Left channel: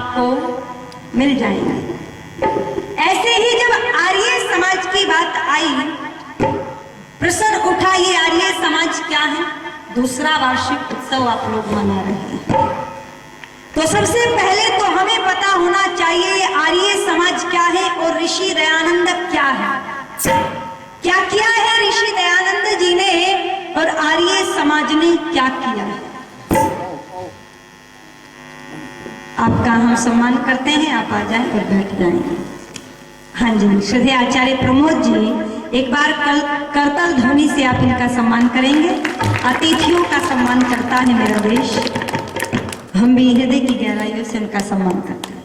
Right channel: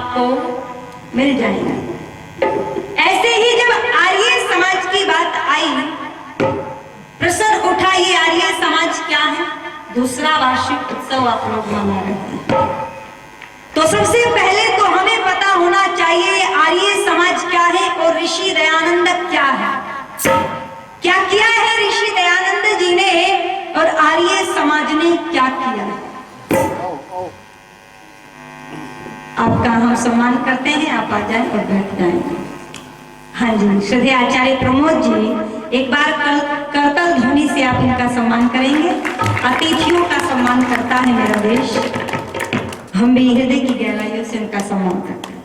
आपको मिल जाएंगे। ऐसे ही जब आर्य समाज की बात आई, प्रश्न उठा ये आर्य समाज क्या है? दूसरा वार्षिक उत्सव आप लोग मना रहे हैं, तो सबसे पहले तो हमें पता होना चाहिए आर्य समाज क्या है और ऋषि दयानंद क्या है। क्या किया है ऋषि दयानंद जी ने और आर्य समाज ने क्या किया है? आपका हम सम्मान करते हैं, आप आ जाएं और बैठ जाएंगे। हाँ जी, श्रद्धेय आचार्य प्रमोद जी, एक बार करतल ध्वनि से आप इनका सम्मान करेंगे। अतिथियों का सम्मान करता है मेरा देश, हम भी हृदय की गहराइयों से उनका सम्मान करते हैं।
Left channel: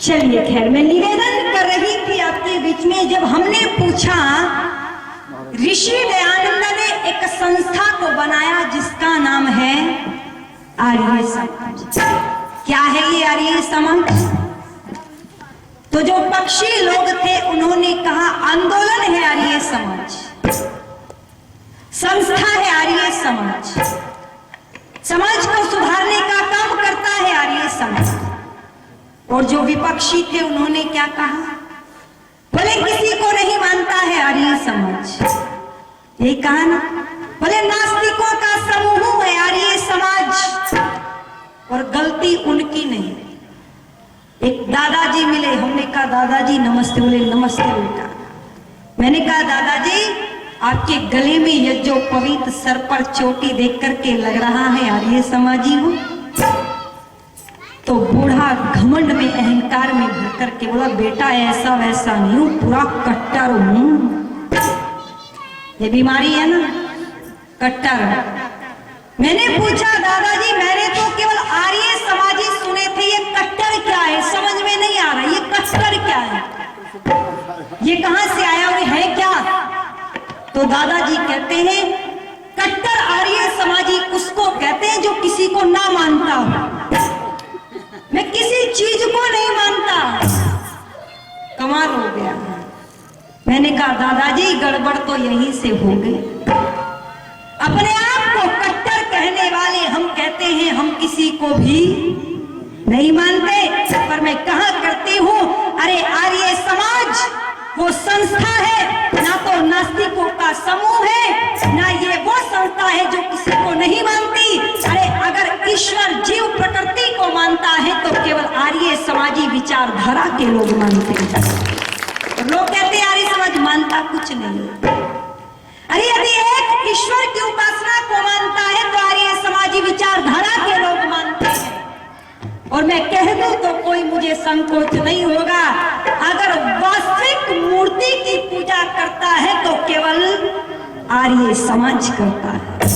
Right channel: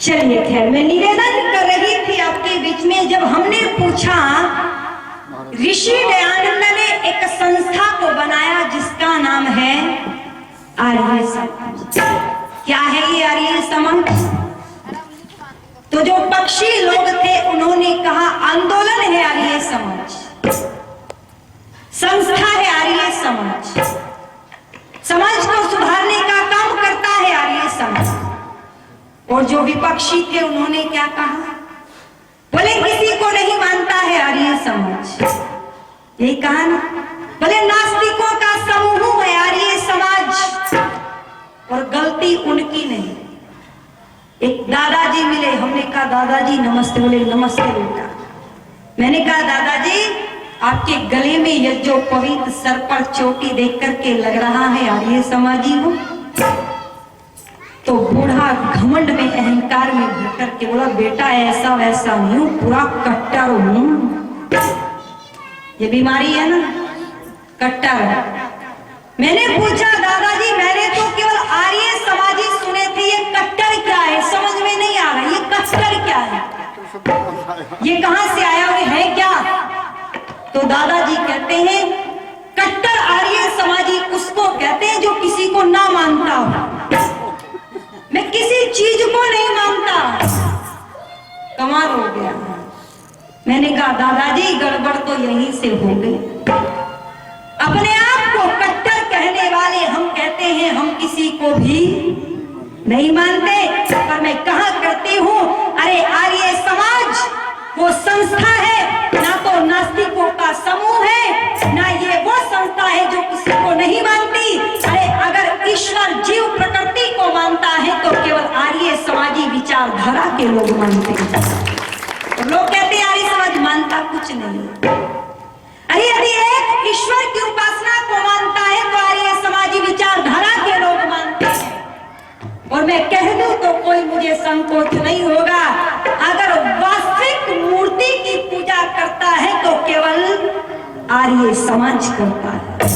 चलिए खैर, मैं निवेदन कर रही थी आपके बीच में, जब हमने पूछा ऋषि दयानंद ने एक संस्था को बनाया जिसका नाम है आर्य समाज। क्या है ये आर्य समाज? तो जो पक्षी लोग थे उन्होंने कहा आंदोलन है आर्य समाज, संस्था है आर्य समाज, समाज को सुधारने का काम करता है आर्य समाज। और जो विपक्षी थे उन्होंने क्या कहा? बोले किसी को नहीं मानता है आर्य समाज, यही कहा ना? बोले नास्तिकों का समूह है आर्य समाज, और गलती उनकी नहीं। एक दादाजी मिले, हमने कहा दादाजी नमस्ते, बोले नमस्ते बेटा। मैंने कहा दादाजी आपके गले में ये जो पवित्र सर पर चोटी देख करके लग रहा है आर्य समाजी हो? तो बूढ़ा घमंड में अहंकार में भर करके बोला बेटा ऐसा वैसा नहीं हूं, पूरा कट्टर हूं। ये बीमारी है ना, कट्टर। मैंने पूछा दादाजी मैंने तो केवल आर्य समाजी सुने थे, ये कट्टर क्या है? समझ में नहीं आ रहा, ये कट्टर क्या है, ये कहां से आया और है क्या? तो दादाजी कहते हैं कट्टर आर्य समाजी उसको कहते हैं जो किसी को ना मानता हो। मैं किसी चीज को नहीं मानता, कमाल हो गया। मैंने कहा दादाजी गड़बड़ तो यहीं से हो गई। अपने आप को कट्टर कहने वाले हम कहते हैं हम किसी को भी नहीं मानते, पर मैं कहा करती हूं अरे आर्य समाज वो संस्था है, ना तो नास्तिकों का समूह है, ना ये वो संस्था है जो किसी को नहीं मानती। अरे अगर ईश्वर जीव प्रकृति को मानता है तो केवल आर्य समाजी विचारधारा के लोग मानते हैं। तो लोग कहते हैं आर्य समाज मानता कुछ नहीं। अरे यदि एक ईश्वर की उपासना को मानता है तो आर्य समाजी विचारधारा के लोग मानते हैं। और मैं कह दूं तो कोई मुझे संकोच नहीं होगा, अगर वास्तविक मूर्ति की पूजा करता है तो केवल आर्य समाज करता है।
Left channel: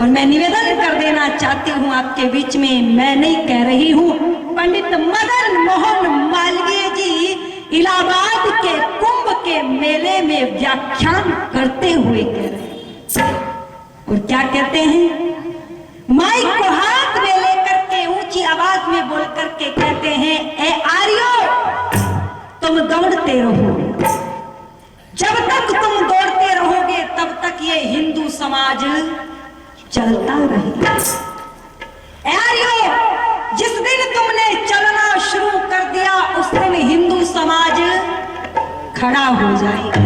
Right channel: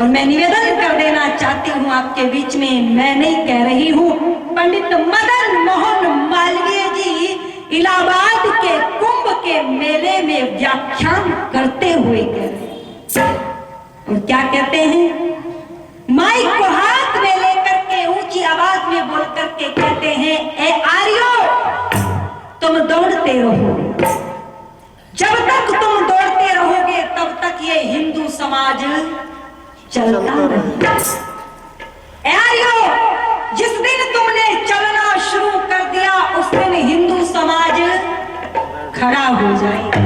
और मैं निवेदन कर देना चाहती हूं आपके बीच में, मैं नहीं कह रही हूं, पंडित मदन मोहन मालवीय जी इलाहाबाद के कुंभ के मेले में व्याख्यान करते हुए कह रहे हैं। और क्या कहते हैं? माइक को हाथ में लेकर के ऊंची आवाज में बोल करके कहते हैं ए आर्यो तुम दौड़ते रहो, जब तक तुम दौड़ते रहोगे तब तक ये हिंदू समाज चलता रहेगा। ए आर्यो जिस दिन तुमने चलना शुरू कर दिया उस दिन हिंदू समाज खड़ा हो जाएगा।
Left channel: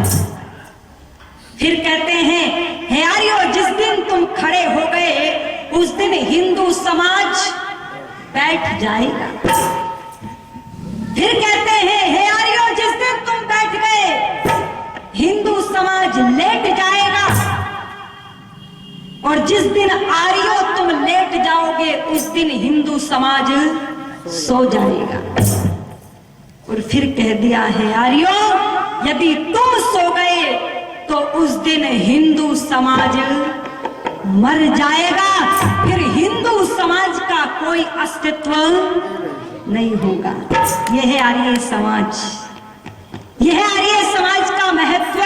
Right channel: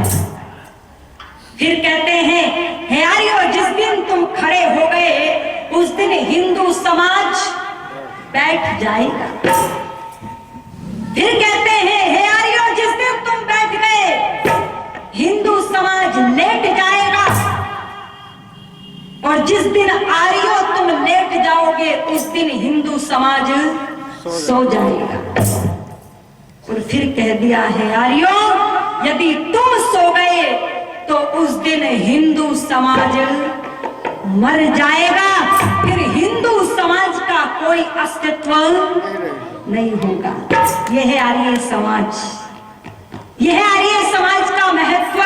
फिर कहते हैं हे आर्यो जिस दिन तुम खड़े हो गए उस दिन हिंदू समाज बैठ जाएगा। फिर कहते हैं हे आर्यो जिस दिन तुम बैठ गए हिंदू समाज लेट जाएगा, और जिस दिन आर्यो तुम लेट जाओगे उस दिन हिंदू समाज सो जाएगा। और फिर कह दिया है आर्यो यदि तुम सो गए तो उस दिन हिंदू समाज मर जाएगा, फिर हिंदू समाज का कोई अस्तित्व नहीं होगा। यह है आर्य समाज, यह है आर्य समाज का महत्व।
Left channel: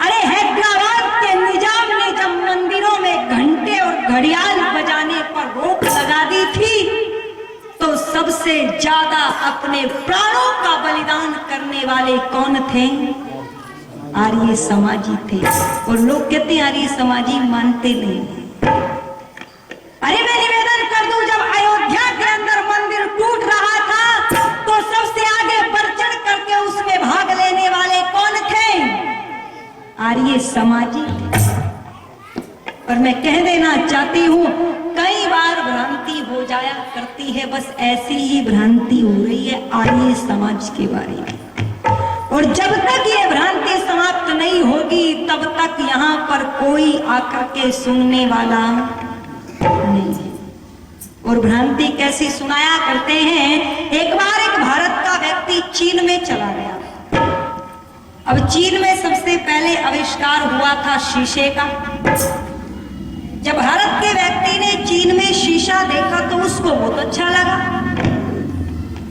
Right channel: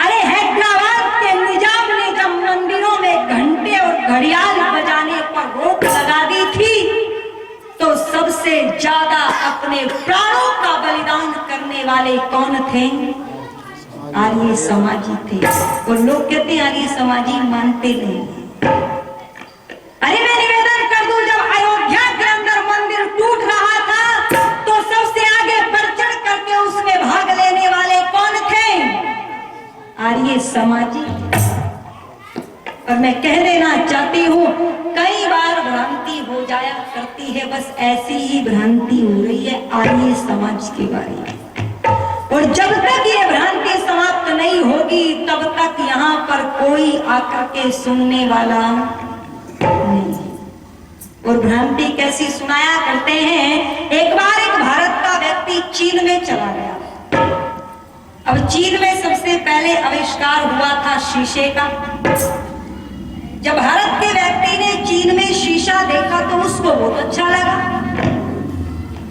अरे हैदराबाद के निजाम ने जब मंदिरों में घंटे और घड़ियाल बजाने पर रोक लगा दी थी तो सबसे ज्यादा अपने प्राणों का बलिदान करने वाले कौन थे? आर्य समाजी थे। और लोग कहते हैं आर्य समाजी मानते नहीं। अरे मैं निवेदन कर दूं जब आर्य समाजी। और मैं कह देना चाहती हूँ, कई बार भ्रांति हो जाया करती है, बस ऐसी ही भ्रांति हो रही है आर्य समाज के बारे में। और जब तक ये भ्रांति समाप्त नहीं होगी तब तक यहाँ पर कोई आकर के सुनने वाला नहीं है। और भ्रांति कैसी सुनाया करते हैं, एक बार एक भारत का व्यक्ति चीन में चला गया। अब चीन में सबसे पहले आविष्कार हुआ था शीशे का। जब भारत के व्यक्ति ने चीन में शीशा देखा तो उसको बहुत अच्छा लगा,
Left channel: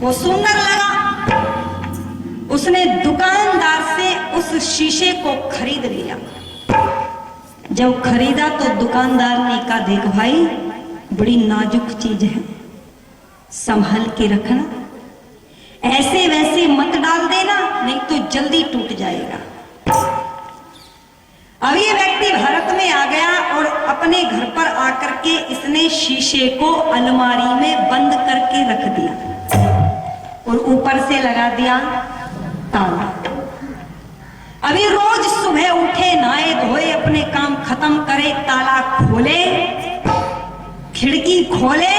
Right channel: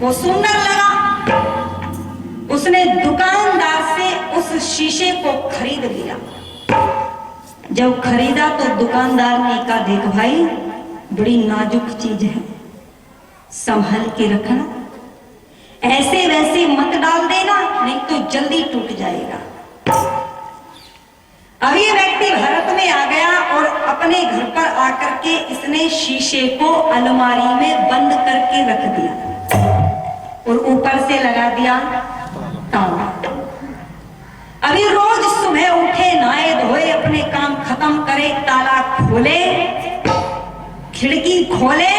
वो सुंदर लगा। उसने दुकानदार से उस शीशे को खरीद लिया। जब खरीदा तो दुकानदार ने कहा, देख भाई, बड़ी नाजुक चीज है, संभाल के रखना, ऐसे वैसे मत डाल देना, नहीं तो जल्दी टूट जाएगा। अब ये व्यक्ति भारत में आ गया और अपने घर पर आकर के इसने शीशे को अलमारी में बंद करके रख दिया और ऊपर से लगा दिया ताला। अभी रोज सुबह उठे, नहाए धोए, अपने काम खत्म करे, ताला खोले, खिड़की खोले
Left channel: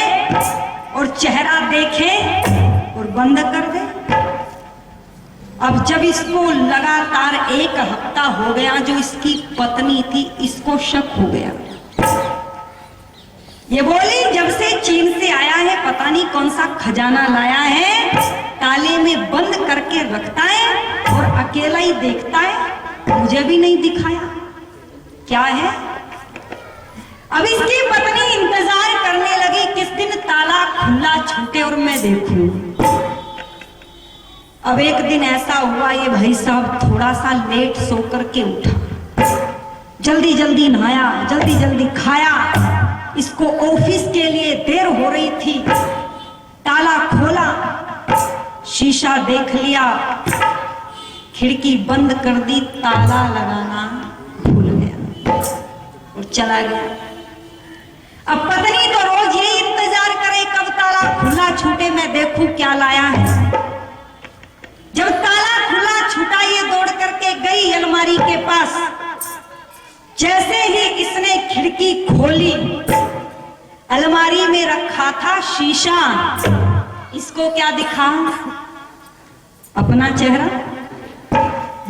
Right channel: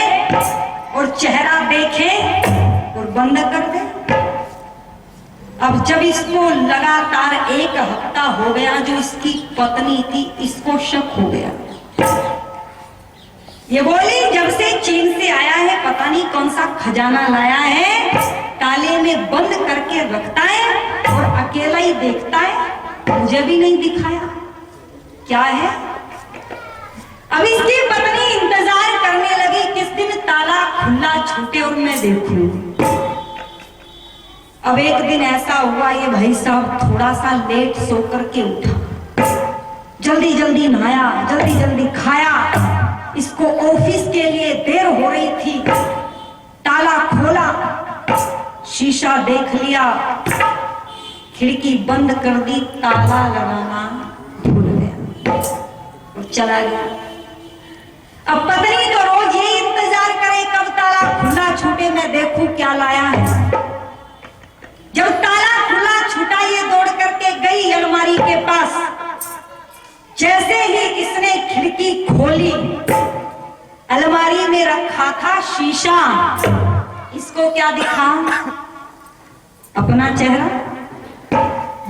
और चेहरा देखे और बंद कर दे। अब जब इसको लगातार एक हफ्ता हो गया, जो इसकी पत्नी थी इसको शक हो गया। ये बोली, जब से चीन से आया है पता नहीं कौन सा खजाना लाया है, ताले में बंद करके रखता है और अकेला ही देखता है, मुझे भी नहीं दिखाया, क्या है। अब इसकी पत्नी इंतजार करने लगी किस दिन ताला खुला छूटे और मैं देखूं। अब एक दिन ऐसा हुआ, ये भाई साहब थोड़ा सा लेट सो करके उठा, जल्दी जल्दी नहाया, जल्दी जल्दी खाया। इसको ऑफिस के लिए देर हो रही थी। ताला खोला, शीशा देख लिया, खिड़की बंद कर दी, ताला लगाना भूल गया और चला गया। अब पत्नी तो रोज यही इंतजार करे कब ताला खुला छूटे, मैं देखूं क्या लाया है। जब ताला खुला छूटा, ये दौड़ करके गई अलमारी के पास। जैसे ही इसने खिड़की खोली, अलमारी में रखा था शीशा, इसको क्या दिखा, अपना चेहरा।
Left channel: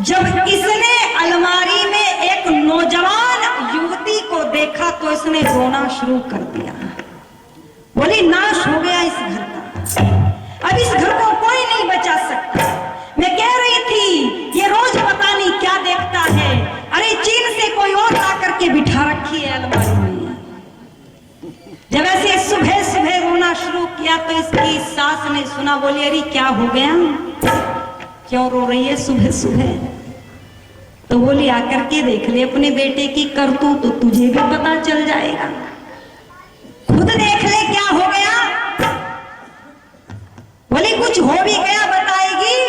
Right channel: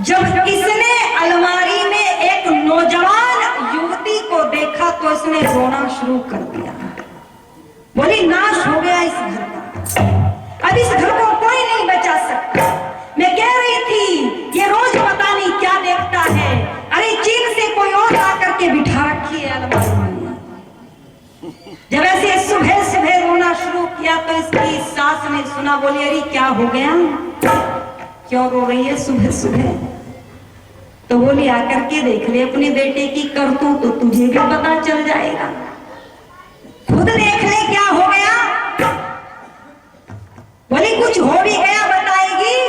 जब इसने अलमारी में एक नौजवान युवती को देखा तो इसने रोना शुरू कर दिया। बोली, नाश हो गया इस घर का, अब इस घर को कोई नहीं बचा सकता। मैं कह रही थी ये रोज पता नहीं क्या देखता है, अरे चीन से कोई और आकर के बिठा रखी है अलमारी में। जब ऐसे सुबह सुबह रोना शुरू किया तो इसकी सास ने सुना, बोली, अरे क्या हो गया, क्यों रो रही है सुबह सुबह। तो बोली, आकर के देख ले अपने बेटे की करतूत, तो तुझे भी पता चल जाएगा, खुद देख ले क्या हो गया। बोली, कुछ हो भी गया बताएगी।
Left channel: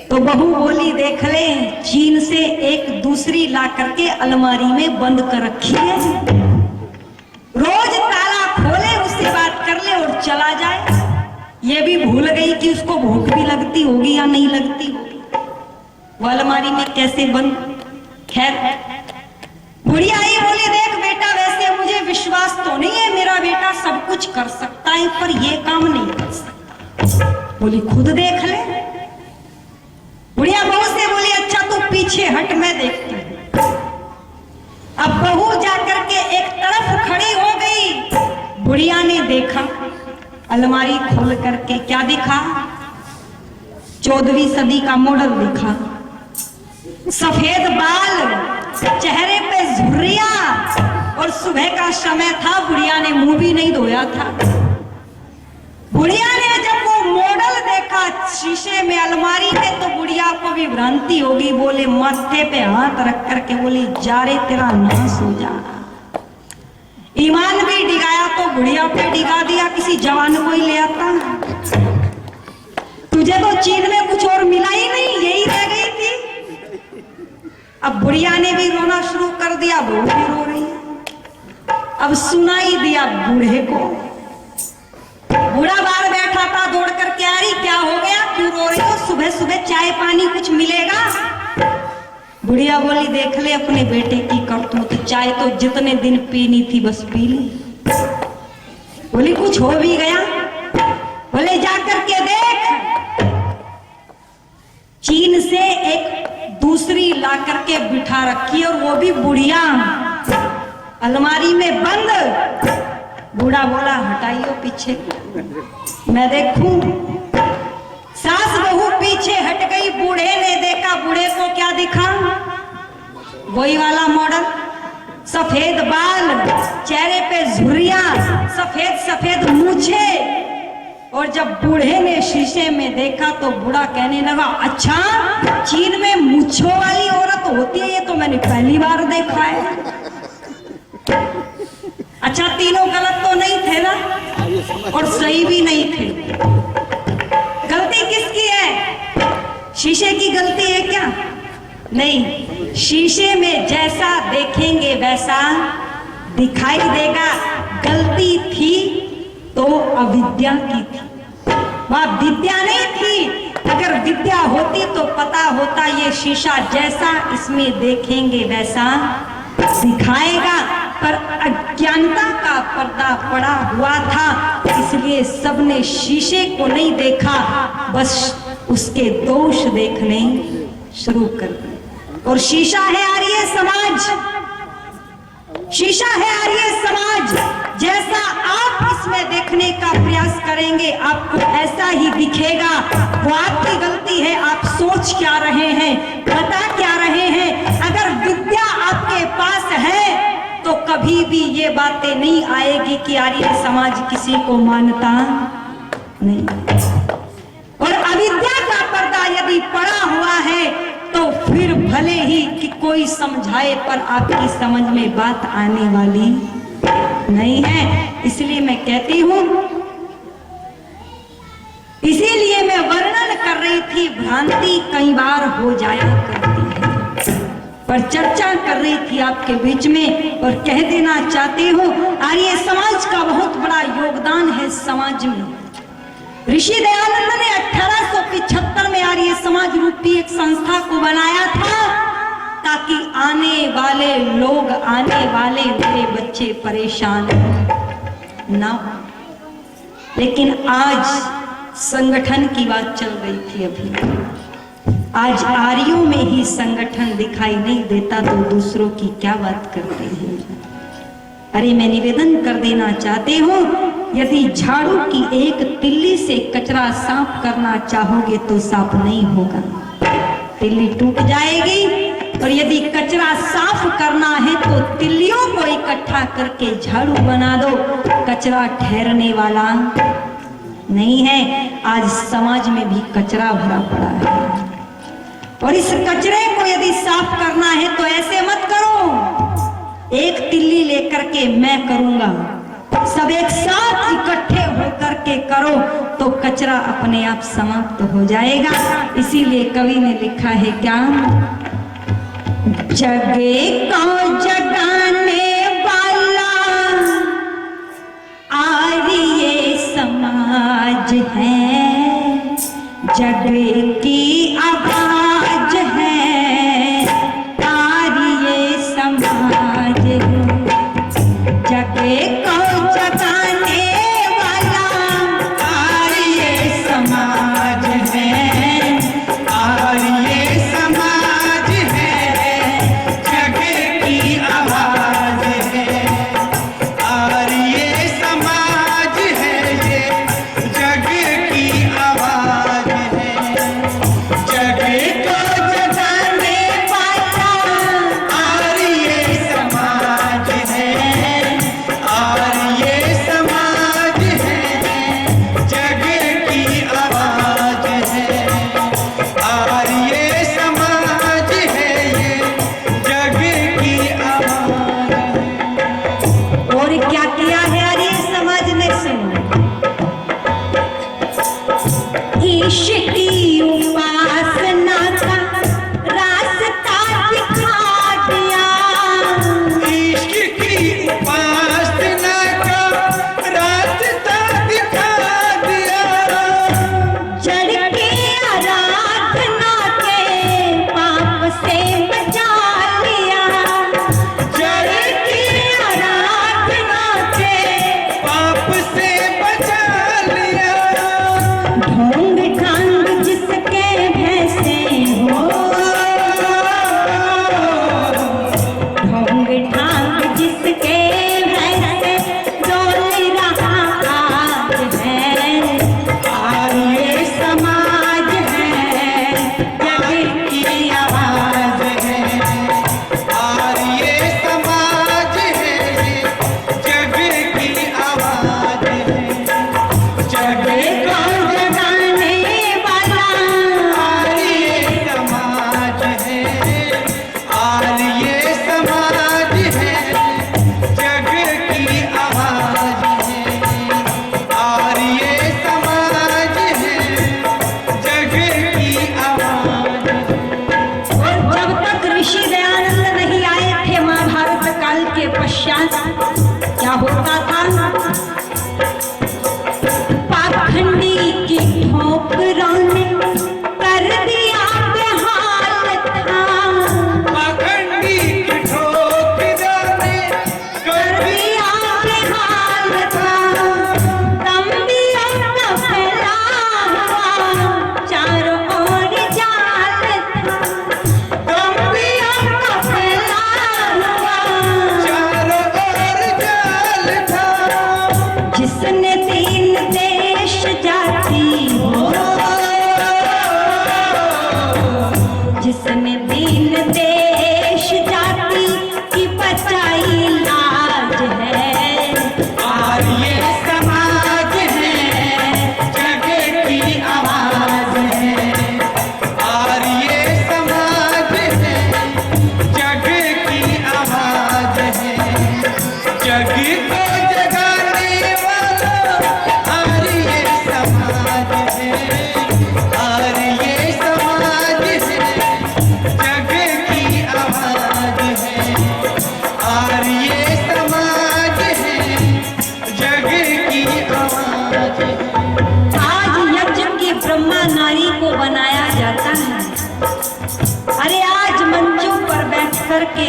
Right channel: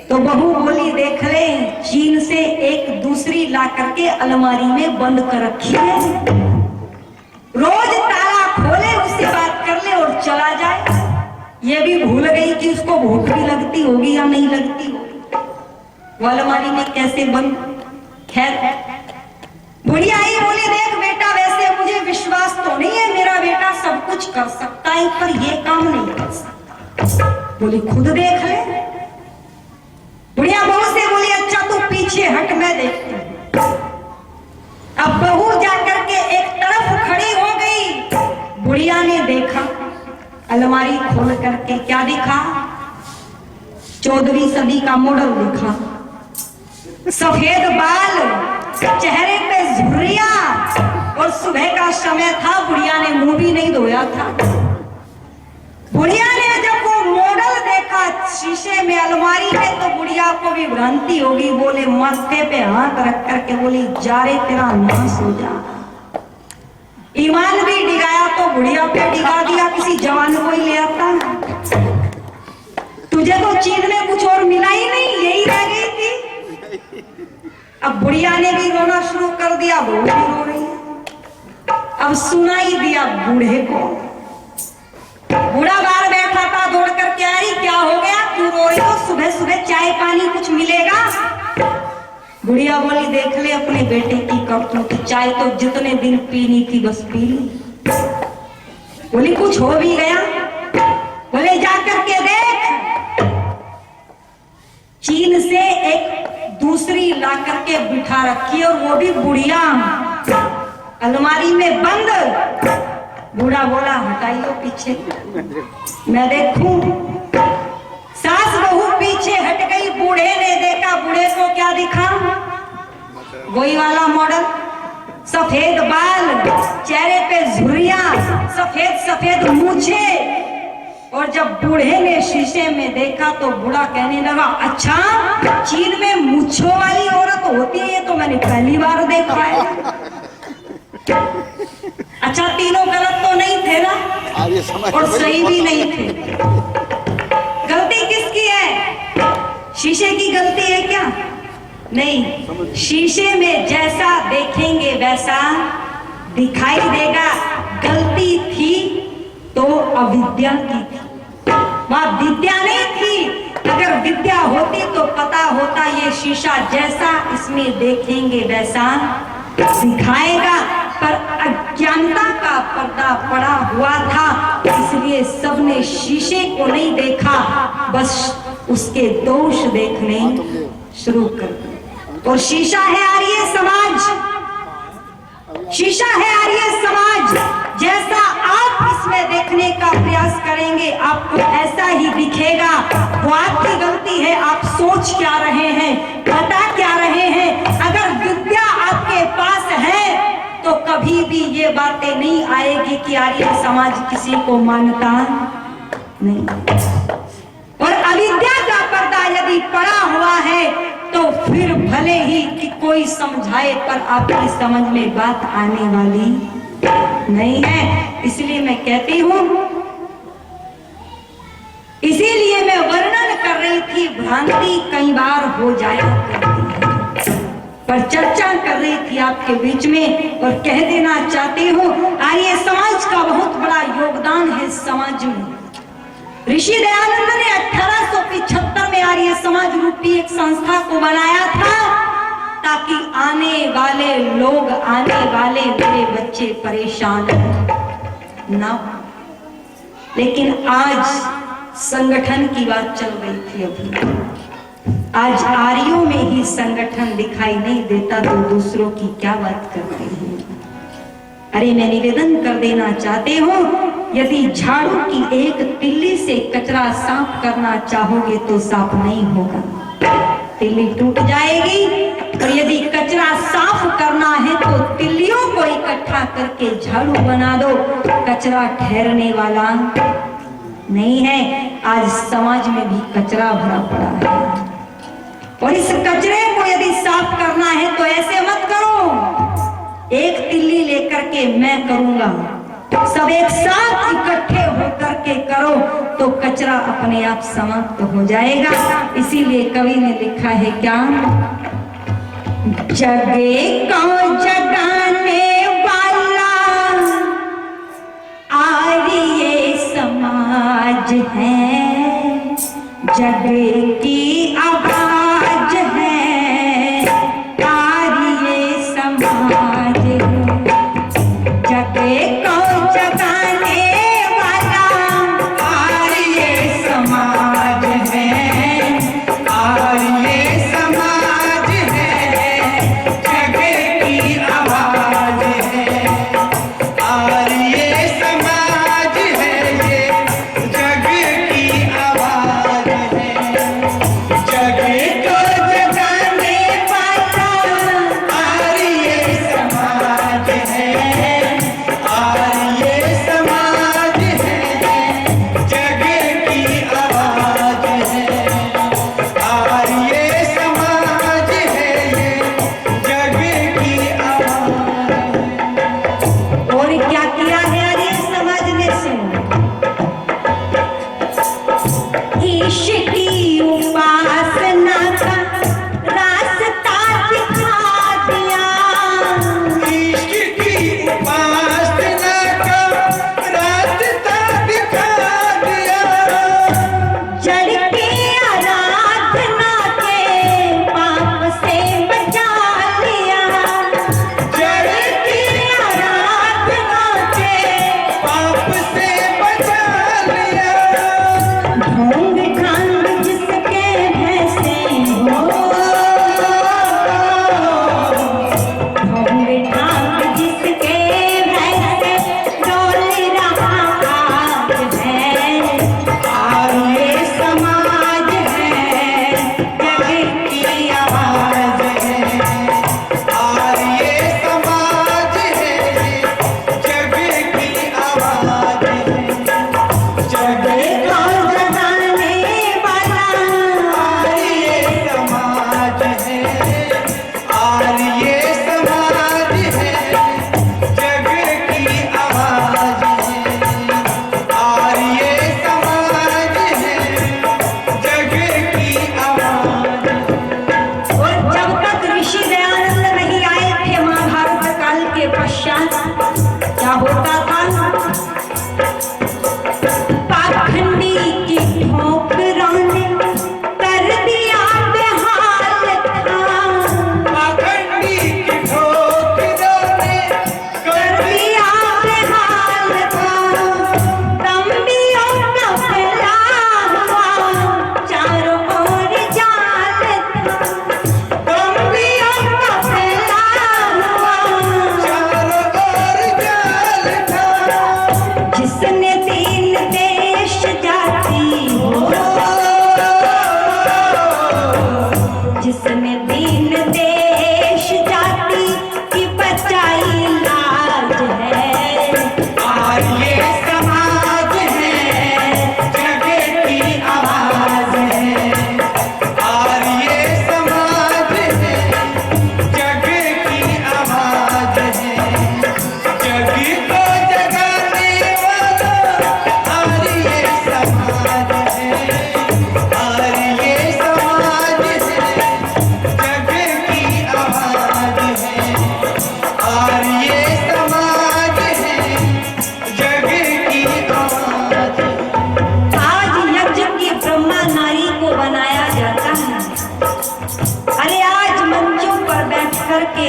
तो बहू बोली, देख ले, चीन से एक दूसरी ला करके अलमारी में बंद कर रखी है, रोज ताला खोले, उससे बात कर ले और चला जाए। ये भी भूल गई कि उसको भूख भी लगती होगी या नहीं लगती होगी, वो अलमारी में कैसे बंद। खैर, बुढ़िया आई, बोली, देख बेटा, वैसे मुझे विश्वास तो नहीं है, मेरा बेटा सब कुछ कर सकता है पर ये काम नहीं कर सकता। बोली, खुद देख ले। बुढ़िया बहू से बोली, अच्छा तू पीछे हट, मैं देखती हूं। अब बहू जाकर के एक तरफ खड़ी हो गई। बुढ़िया ने देखा, अलमारी खोल करके क्या दिखा, 14वीं सदी का मॉडल दिखा, सफेद बाल, चेहरे पे झुर्रियां, और सुबह का समय था, बुढ़िया ने मुंह भी नहीं धोया था। बुढ़िया ने जब वो मॉडल देखा शीशे में अलमारी में, तो बुढ़िया को भी भ्रांति होगी। बोले, माथे पे हाथ रख करके बोली, जा रे तेरा नाश हो जा। ईमान भी डिगाया तो बुढ़िया पे डिगा दिया, किसी जवान को ही ले आता। तुझे तो चीन में कुछ और मिला ही नहीं, यही रह गई थी। अब बुढ़िया ने भी रोना शुरू कर दिया, बहू भी रो रही है। अब सुनाई दिया बूढ़े को। बूढ़ा बाहर बैठा था, दौड़ कर क्या रही, क्या हो गया, क्यों रो रही हो, सुबह सुबह चाय पानी कुछ मिलेगा। बुढ़िया बोली देख ले अपने बेटे की करतूत, चाय तो जितने दिन पीनी थी बस पी ली। बोली कुछ हो भी गया? बोले जाकर के देख, चीन से एक दूसरी ला करके बिठा रखी और वो भी बुढ़िया अलमारी में बंद। बूढ़ा बोला हटाइयो पीछे मैं देखूं। सास बहू पीछे हट गई, बूढ़े ने देखा, बूढ़े को क्या दिखा? वही वाला मॉडल, सफेद बाल, चेहरे पे झुर्रियां, सफेद सफेद मूछे। और जब बूढ़े ने शीशे में देखा तो बूढ़ा कहने लगा, अच्छा चीन में मूछों वाली औरत होती है, ये तो मैंने पहली बार देखा है। अच्छा तीनों गलत तो नहीं थे ना, और सही भी नहीं थे। गलती किसकी है? शीशे की गलती है क्या? नहीं, शीशे में जैसा देखेंगे वैसा दिखाई देगा। गलती थी तो अविद्या की थी, वहां विद्या नहीं थी। अगर विद्या होती तो पता होता ये शीशा जैसा इसमें देखेंगे वैसा दिखाएगा, पर अज्ञानता का पर्दा पड़ा हुआ था, इसलिए सबने शीशे को नहीं देखा, बस उसके दोष देखने शुरू कर दिए। और शीशा है आर्य समाज, शीशा है आर्य समाज। जैसा आप इसमें देखने का प्रयास करेंगे आपको ऐसा ही दिखेगा। वो आपकी गलती है, आप सोच क्या रहे हैं, बता क्या रहे हैं। अगर विद्या आपके पास है तो कभी भी ये बातें नहीं आएगी कि आर्य समाज किसी को मानता नहीं। और अविद्या का पर्दा यदि पड़ा हुआ है तो फिर भले ही कि कोई समझाए पर आपकी समझ में बात आने वाली नहीं है। इसलिए मैं कहती हूं, इसीलिए मैं वर्णन कर रही थी, भ्रांति कई बार हो जाया करती है, पर चर्चा कर रही थी आपके बीच में और कह देना चाहती हूँ आर्य समाज का बहुत बड़ा योगदान है समाज में। ऋषि दयानंद ने 1875 में आर्य समाज रूपी एक संस्था को बनाया था ताकि आने वाले लोग, आने वाले मेरे बच्चे परेशान ना हो। लेकिन आज संगठन की बात चल रही थी अभी, आज आर्यों में ही संगठन दिखाई नहीं देता तो दूसरों की क्या बात करते हैं। अरे मैं निवेदन कर देना चाहती हूँ, यदि झाड़ू की एक तिल्ली से कचरा साफ करना चाहोगे तो साफ नहीं होगा, तिल्ली टूट जाएगी। और यदि कचरा साफ करना है तो तिल्लियों को इकट्ठा करके झाड़ू बना दो, कचरा ठहरने वाला नहीं है। आज समाज में भी कचरा भरा पड़ा है और इस कचरे को यदि साफ करना है तो ऐसे मत करो एक तिल्ली लेकर के मैं करूंगा, सब एक साथ इकट्ठे होकर के करो तो कचरा अपने आप समाप्त हो जाएगा। इसीलिए कवि ने लिखा है क्या, जगे को जगाने वाला आर्य समाज है, जगे की आवाज है आर्य समाज है। जगे को जगाने वाला आर्य समाज है, आर्य समाज है, जगे की आवाज है, आर्य समाज है, ये जग की आवाज है।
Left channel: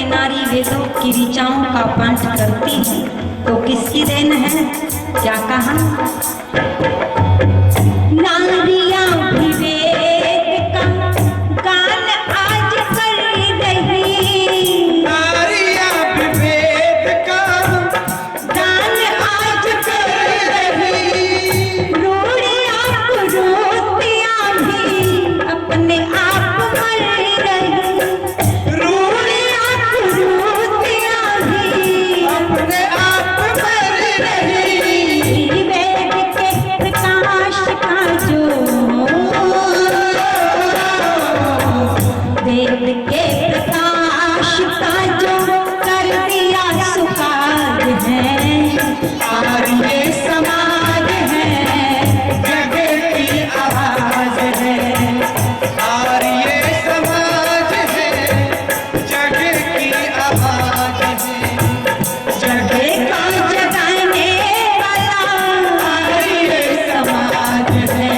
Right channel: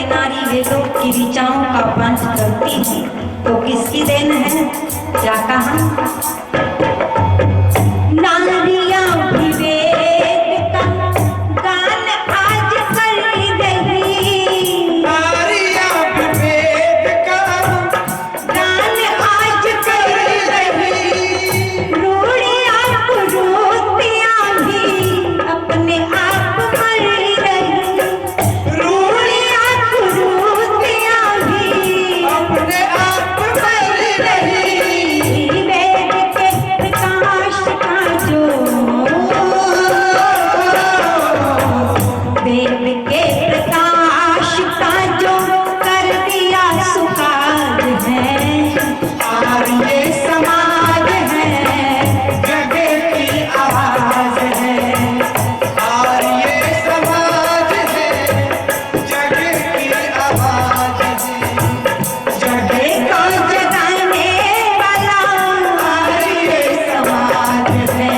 नारी वेदों की ऋचाओं का पाठ करती है तो किसकी देन है? क्या कहा? नारियां भी वेद का गान आज कर रही, नारियां भी वेद का गान आज कर रही, रूढ़ियां कुरीतियां भी अपने आप मर रही, रूढ़ियां कुरीतियां भी अपने आप मर रही। वेद के प्रकाश का जो, वेद के प्रकाश का जो कर दिया सुकार है, आर्य समाज है, जग की आवाज है, आर्य समाज है, जग की आवाज है, जग को जगाने वाला आर्य समाज है,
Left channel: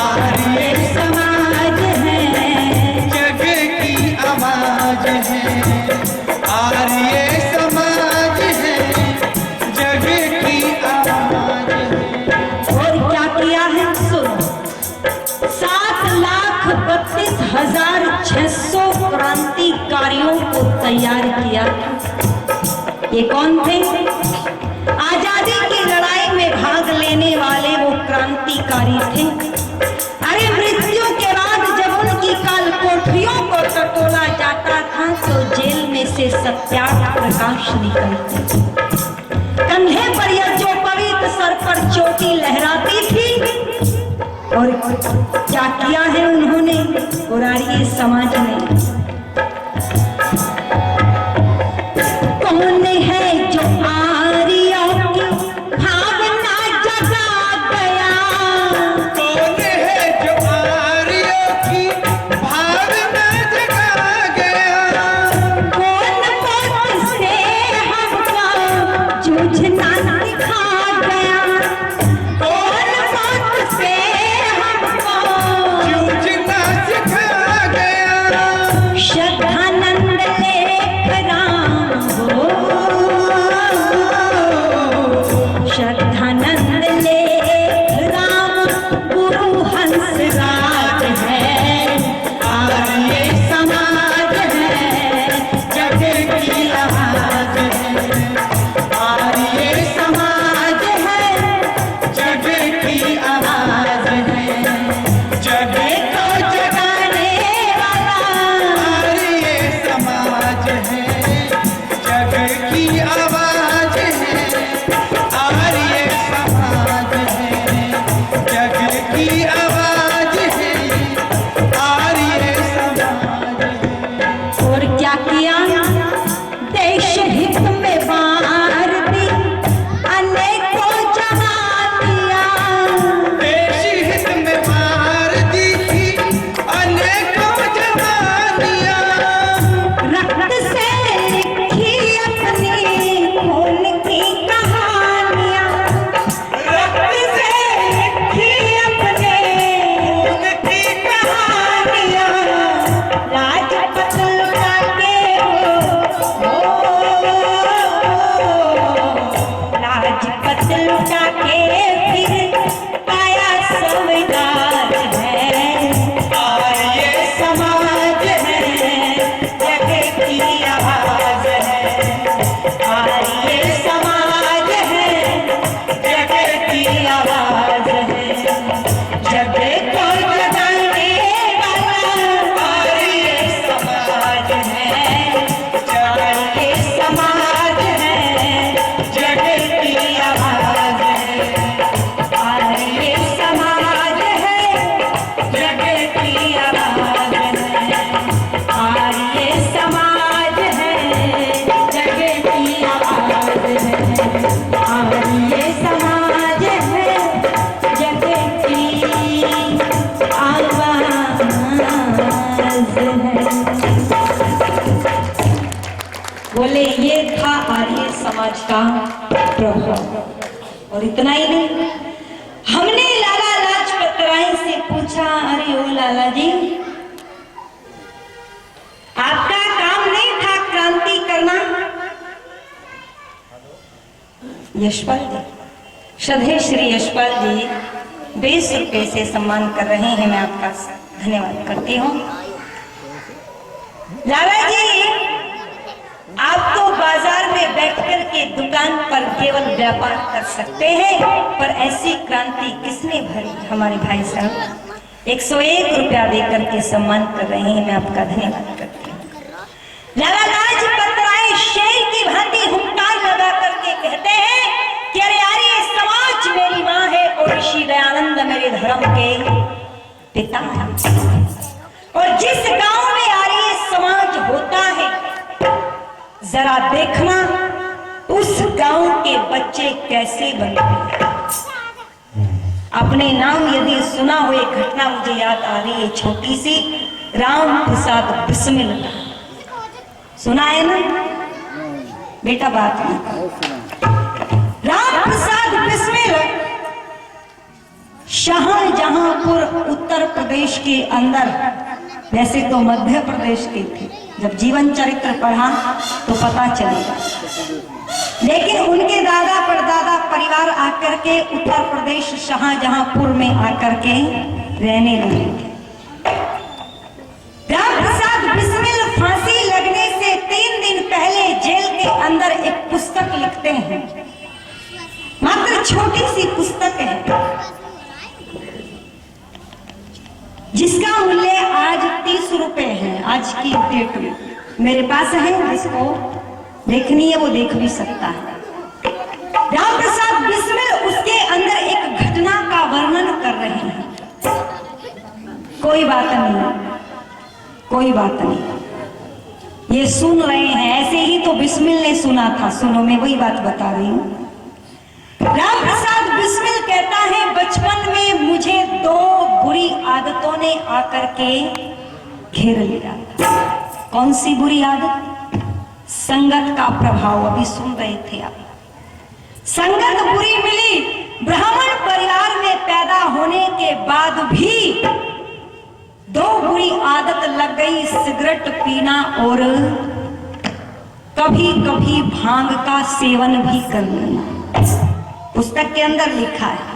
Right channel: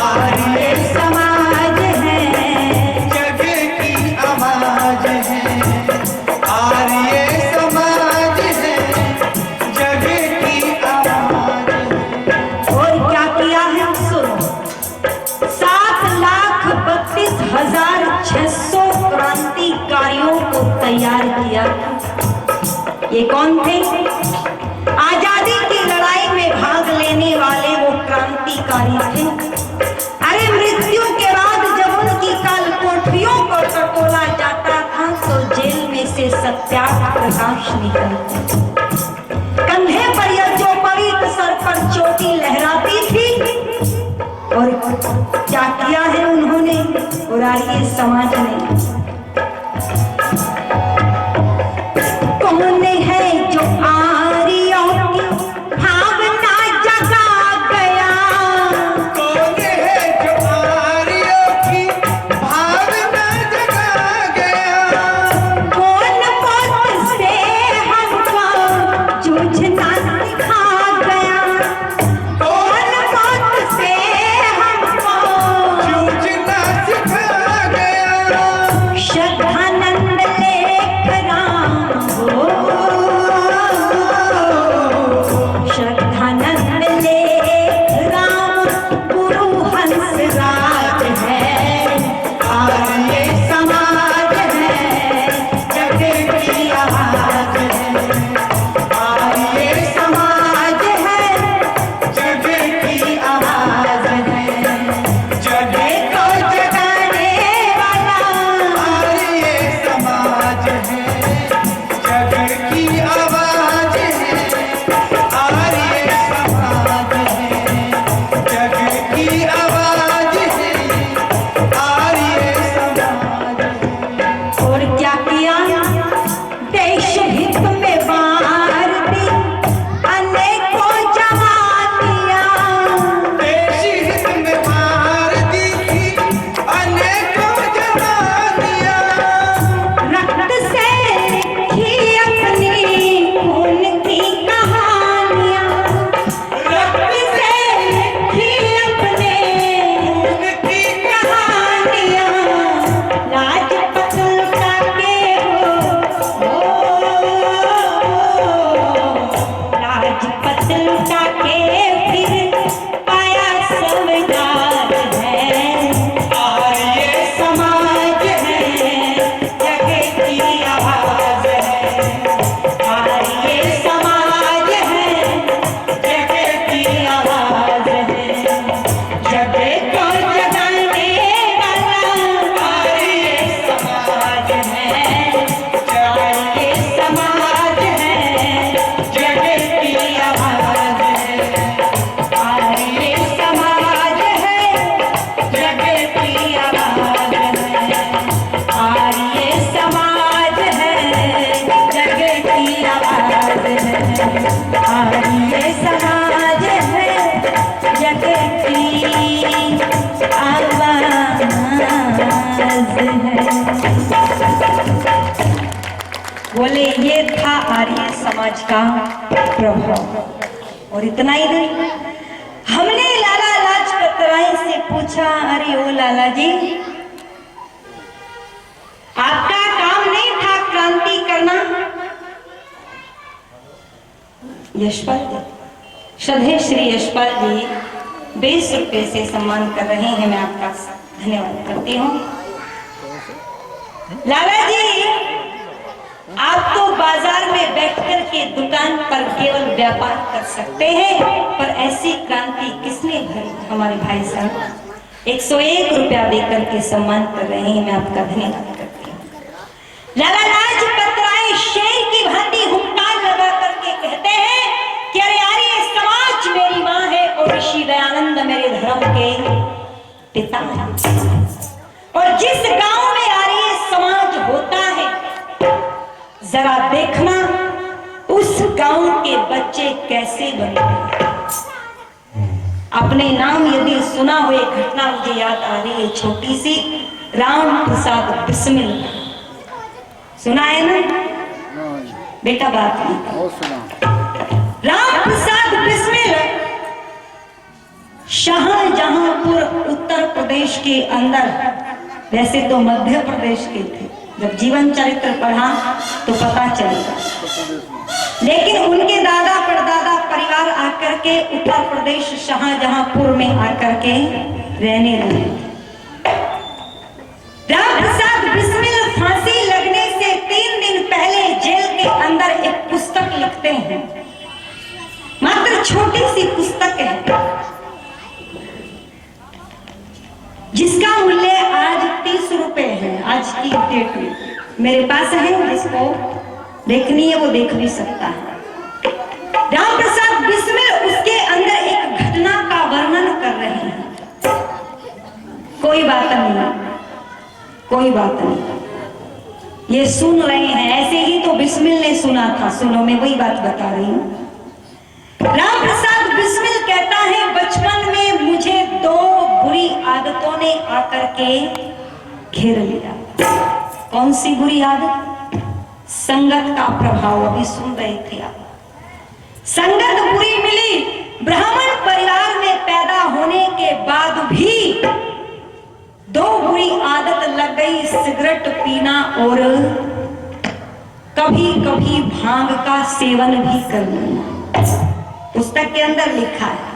आर्य समाज है, जग की आवाज है, आर्य समाज है, जग की आवाज है। और क्या किया है? सुनो, 7,32,600 क्रांतिकारियों को तैयार किया था। ये कौन थे? आजादी की लड़ाई में भाग लेने वाले वो क्रांतिकारी थे। अरे मृत्यु के बाद जब उनकी काल कोठरियों को टटोला जाता था तो जेल में से सत्याग्रह प्रकाश निकलते, कंधे पर यह जो पवित्र सर पर चोटी लहराती थी। और क्या किया है उन्होंने और आर्य समाज ने? कौन है जो आर्यों की भावना जगा गया? कौन है जो आर्यों की भावना जगा गया? कौन से हमको जूझना सिखा गया? कौन से हमको जूझना सिखा गया? श्रद्धानंद लेख राम हो, श्रद्धानंद लेख राम गुरु हंस राज है, आर्य समाज है, जग की आवाज है, आर्य समाज है, जग की आवाज है, जग को जगाने वाला आर्य समाज है, जग की आवाज है, आर्य समाज है, जग की आवाज है, आर्य समाज है। और क्या किया? देश हित में बार दी अनेकों जवानियां, देश हित में मार दी थी अनेकों जवानियां, रक्त से लिखी अपनी खून की कहानियां, रक्त से लिखी अपने खून की कहानियां, राजपथ लुटा के राजपथ लुटा के फिर आया संविधान है, आर्य समाज है, जग की आवाज है, आर्य समाज है, जग की आवाज है, जग को जगाने वाला आर्य समाज है, जग समाज है, जग की आवाज है, आर्य समाज है, जग की आवाज है, आर्य समाज है, जग की आवाज है, आर्य समाज है, जग की आवाज है। बोले ये था आर्य समाज का प्रभाव। और इतना ही नहीं, हमने लाला लाजपत राय से पूछा, लाला जी, आपका काम नहीं था यशपाल जी, श्रद्धेय श्री यशपाल जी 20 रुपए से सम्मान कर रहे हैं। मैं आपका धन्यवाद करती हूँ। लाला जी, आप तो बाजार में बैठकर के दुकान पर केवल व्यापार कर सकते हैं, पर ऐसी क्रांति किसने भरी? हमारे भाई साहब 101 रुपया देकर के सम्मान कर रहे हैं। मैं आपका धन्यवाद करती हूँ। लाला लाजपत राय शेर की भांति हुंकार लगा करके कहते हैं कि अरे आर्य समाज मेरी माँ है और ऋषि दयानंद मेरे धर्म के पिता है। और जिस गांव में आर्य समाज होता है, जरा देखना उस गांव के बच्चे कैसे बनते हैं। अपने नाम यदि सुना हो, एक घटना मुझे याद आ रही है छोटी सी। राम प्रसाद बिस्मिल सुना है ना बेटा? बात नहीं। राम प्रसाद बिस्मिल शाहजहांपुर उत्तर प्रदेश के अंदर, वैसे तो मध्य प्रदेश के थे, जब जीवन चरित्र पढ़ा तो पता चलेगा, लेकिन उनके दादा परदादा परिवार आकर के उत्तर प्रदेश शाहजहांपुर में आकर के रहने लगे। राम प्रसाद बिस्मिल फांसी लगने से 3 दिन पहले जेल के अंदर एक पुस्तक लिखते हैं। मात्र छोटी सी पुस्तक है जिसका मूल्य आज 30 रुपए है। आज की डेट में मेरे पास है, जिसको देखनी है वो देख भी सकता है। राम प्रसाद बिस्मिल उसके अंदर एक घटना का वर्णन कर रहे हैं। कोई बात नहीं, कोई बात नहीं, ये सुन रहे हैं, ऐसे ही तो बिस्मिल ने सुना था। सुनो, मैं वही बात बता रही हूँ। राम प्रसाद बिस्मिल कहता है, बचपन में मुझे 2 बुरी आदतों ने आकर के घेर लिया। कौन सी बुरी आदत? संगत का प्रभाव। अभी सुन रहे थे आप। संगत बुरी मिली। ब्राह्मण परिवार में पैदा होने के बाद भी 2 बुरी आदत लग गई, सिगरेट पीना और कभी कभी भांग का सेवन भी कर लेना। पुस्तक के अंदर लिखा है।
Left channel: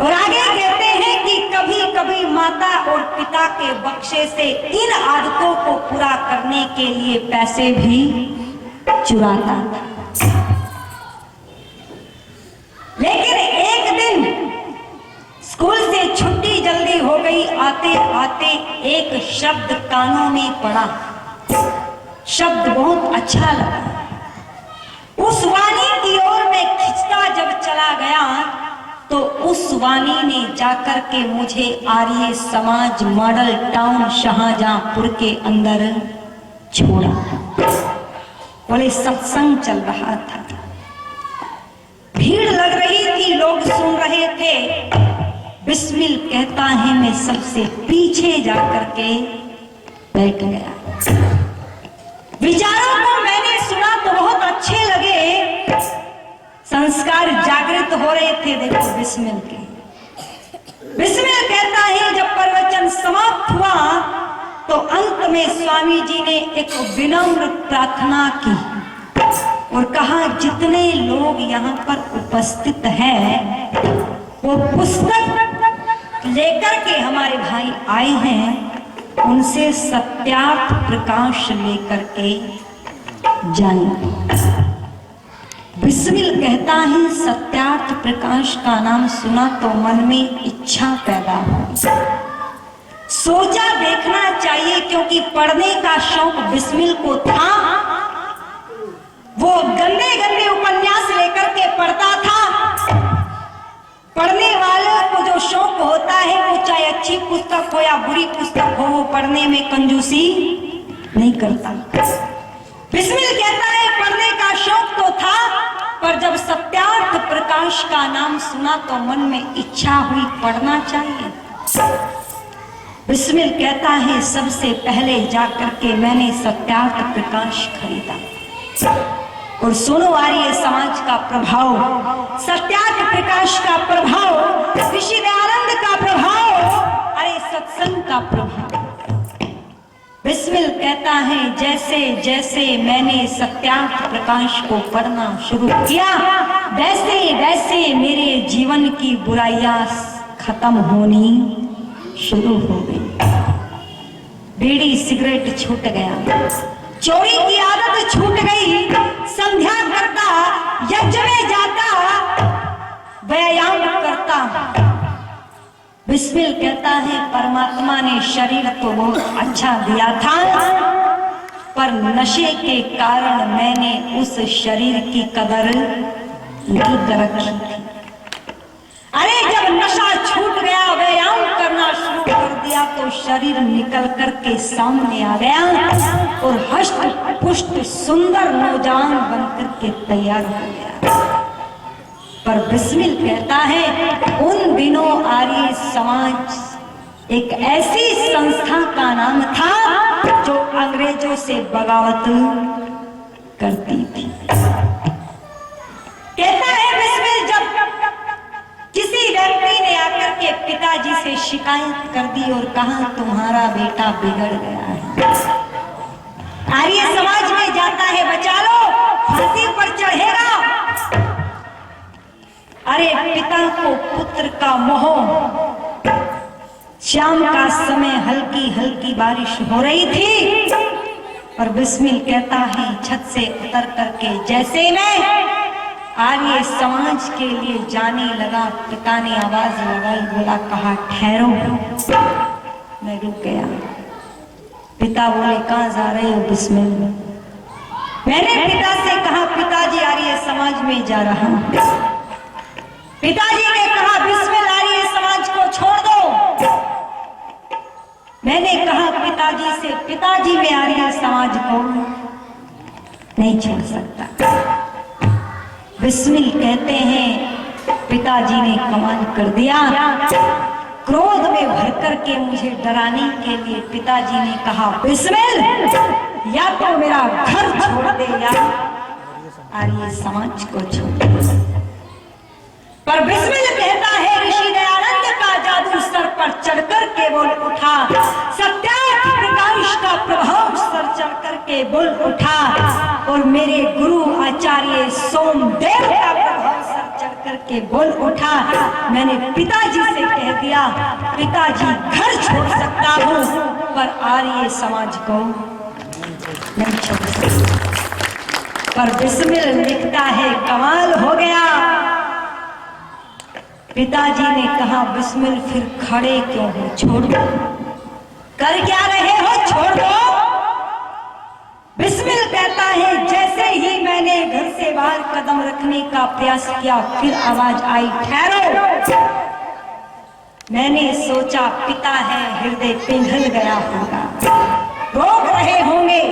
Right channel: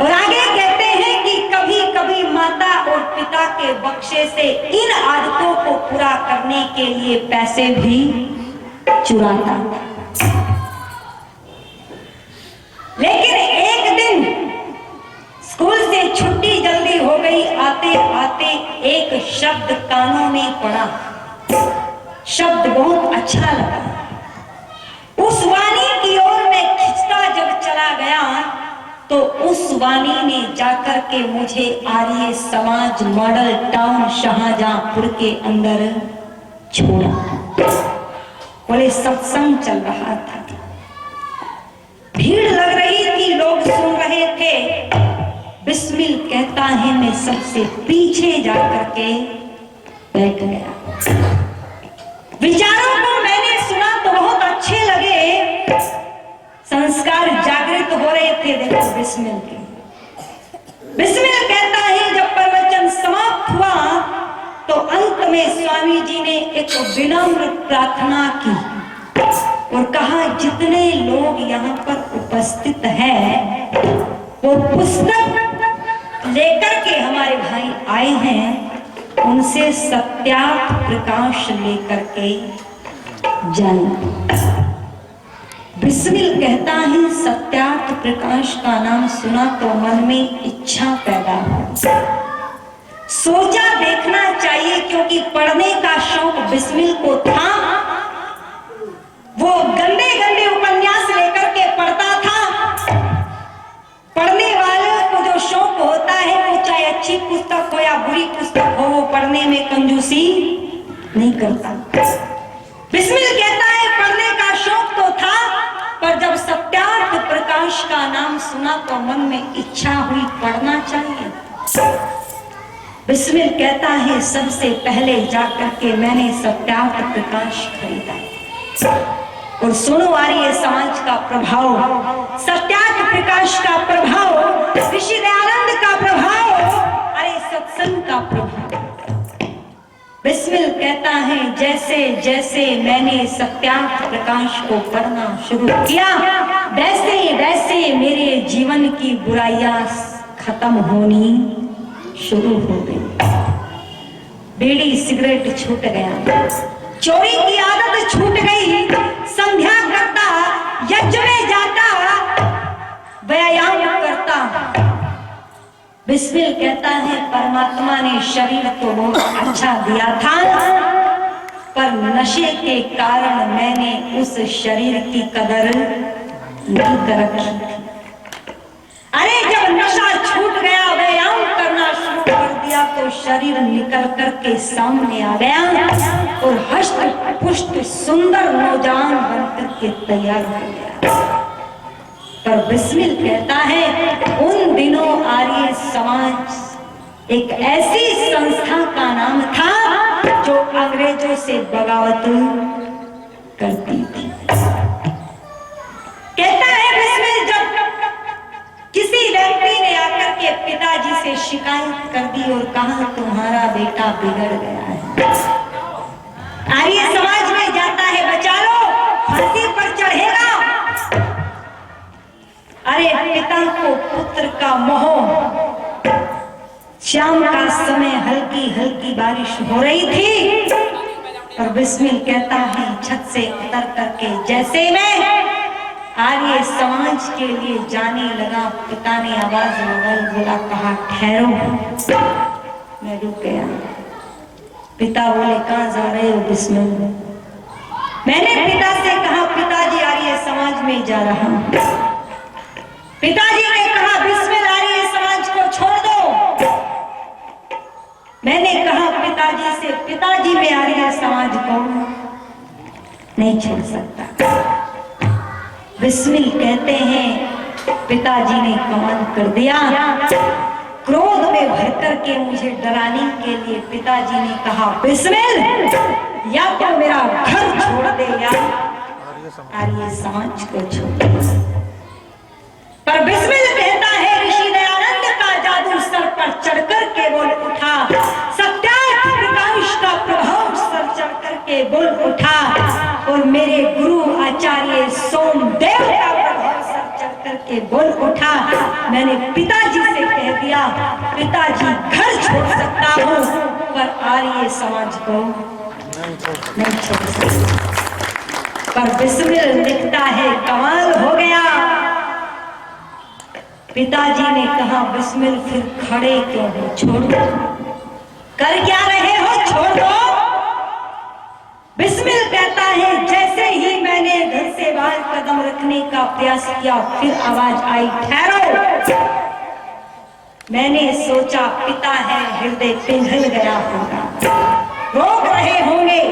और आगे कहते हैं कि कभी कभी माता और पिता के बख्शे से इन आदतों को पूरा करने के लिए पैसे भी चुराता। लेकिन एक दिन स्कूल से छुट्टी जल्दी हो गई, आते आते एक शब्द कानों में पड़ा। शब्द बहुत अच्छा लगा। उस वाणी की ओर मैं खिंचता जब चला गया तो उस वाणी ने जाकर के मुझे आर्य समाज मॉडल टाउन शाहजहांपुर के अंदर छोड़ा। बड़े सत्संग चल रहा था, भीड़ लग रही थी, लोग सुन रहे थे। बिस्मिल कहता है, मैं सबसे पीछे जाकर के बैठ गया। विचारों को मैंने सुना तो बहुत अच्छे लगे। संस्कार जागृत हो रहे थे। देखो बिस्मिल के। बिस्मिल कहता है, जब प्रवचन समाप्त हुआ तो अंत में स्वामी जी ने एक विनम्र प्रार्थना की और कहा, जितने लोग यहाँ पर उपस्थित हैं वो पुस्तक लेकर के हमारे भाई आए हैं, उनसे सत्यार्थ प्रकाश लेकर के जाना। बिस्मिल कहता है, सत्यार्थ प्रकाश का नाम सुना तो मन में इच्छा पैदा हो। सोचा देखना चाहिए, क्योंकि पढ़ने का शौक बिस्मिल को था। वो गंदे गंदे उपन्यास लेकर के पढ़ता था। पढ़ने वालों को जो शौक होता है, वो चाहे अच्छी पुस्तक हो या बुरी पुस्तक हो, वो पढ़ने में कंजूसी नहीं करता। बिस्मिल कहता है, पढ़ने का शौक तो था, पर जब सत्यार्थ प्रकाश का नाम सुना तो मन में इच्छा हुई पढ़ना चाहिए। बिस्मिल कहता है, सबसे पहले जाकर के मैंने सत्यार्थ प्रकाश खरीदा। और सुनो आर्य समाज का प्रभाव, सत्यार्थ प्रकाश का प्रभाव, ऋषि दयानंद का प्रभाव, अरे सत्संग का प्रभाव। बिस्मिल कहता है जैसे जैसे मैंने सत्यार्थ प्रकाश को पढ़ना शुरू किया, वैसे वैसे मेरे जीवन की बुराइयां खत्म होनी शुरू हो गई। बीड़ी सिगरेट छूट गया, चोरी की आदत छूट गई, संध्या करता, यज्ञ में जाता, व्यायाम करता। बिस्मिल कहता है परमात्मा ने शरीर तो बहुत अच्छा दिया था, पर नशे के कारण मैंने उस शरीर की कदर नहीं कर रखी थी। अरे जब नशा छूट गया, व्यायाम करना शुरू कर दिया, तो शरीर निकल करके सामने आ गया और हष्ट पुष्ट सुंदर नौजवान बनकर के तैयार हो गया। पर बिस्मिल कहता है उन दिनों आर्य समाज एक ऐसी संस्था का नाम था जो अंग्रेजों से बगावत करती थी। कहता है बिस्मिल जब किसी व्यक्ति ने आकर के पिताजी से शिकायत कर दी और कहा तुम्हारा बेटा बिगड़ गया है, आर्य समाज में जाता है बचा लो, फांसी पर चढ़ेगा। अरे पिता को पुत्र का मोह, शाम का समय हल्की हल्की बारिश हो रही थी और बिस्मिल कहता है छत से उतर करके जैसे मैं आर्य समाज के लिए जाने लगा, पिता ने आवाज लगाई, बोला कहा ठहरो। मैं रुक गया। पिता बोले कहाँ जा रहे हो बिस्मिल? मैंने पिता से कहा पिताजी आर्य समाज में जा रहा हूं। पिताजी ने कहा बिस्मिल आर्य समाज को छोड़ दो। मैंने कहा पिताजी से पिताजी मैं आर्य समाज को नहीं छोड़ सकता। बिस्मिल कहते हैं पिताजी ने कमाल कर दिया, क्रोध में भर करके मुझे डराने के लिए पिताजी ने कहा बिस्मिल या तो मेरा घर छोड़ दे या आर्य समाज को छोड़ दे। पर बिस्मिल कहता है ऋषि दयानंद का जादू सर पर चढ़कर के बोल उठा, सत्यार्थ प्रकाश का प्रभाव सर चढ़ करके बोल उठा और मेरे गुरु आचार्य सोमदेव का प्रभाव सर चढ़ करके बोल उठा। मैंने पिताजी से कह दिया पिताजी घर छोड़ सकता हूँ पर आर्य समाज को नहीं छोड़ सकता। पर बिस्मिल लिखता है कमाल हो गया। पिताजी ने कहा बिस्मिल फिर खड़े क्यों हो, छोड़ दो, कर क्या रहे हो, छोड़ दो। बिस्मिल कहता है जैसे ही मैंने घर से बाहर कदम रखने का प्रयास किया फिर आवाज आई ठहरो। मैंने सोचा पिता है, हृदय पिघल गया होगा, रोक रहे होंगे।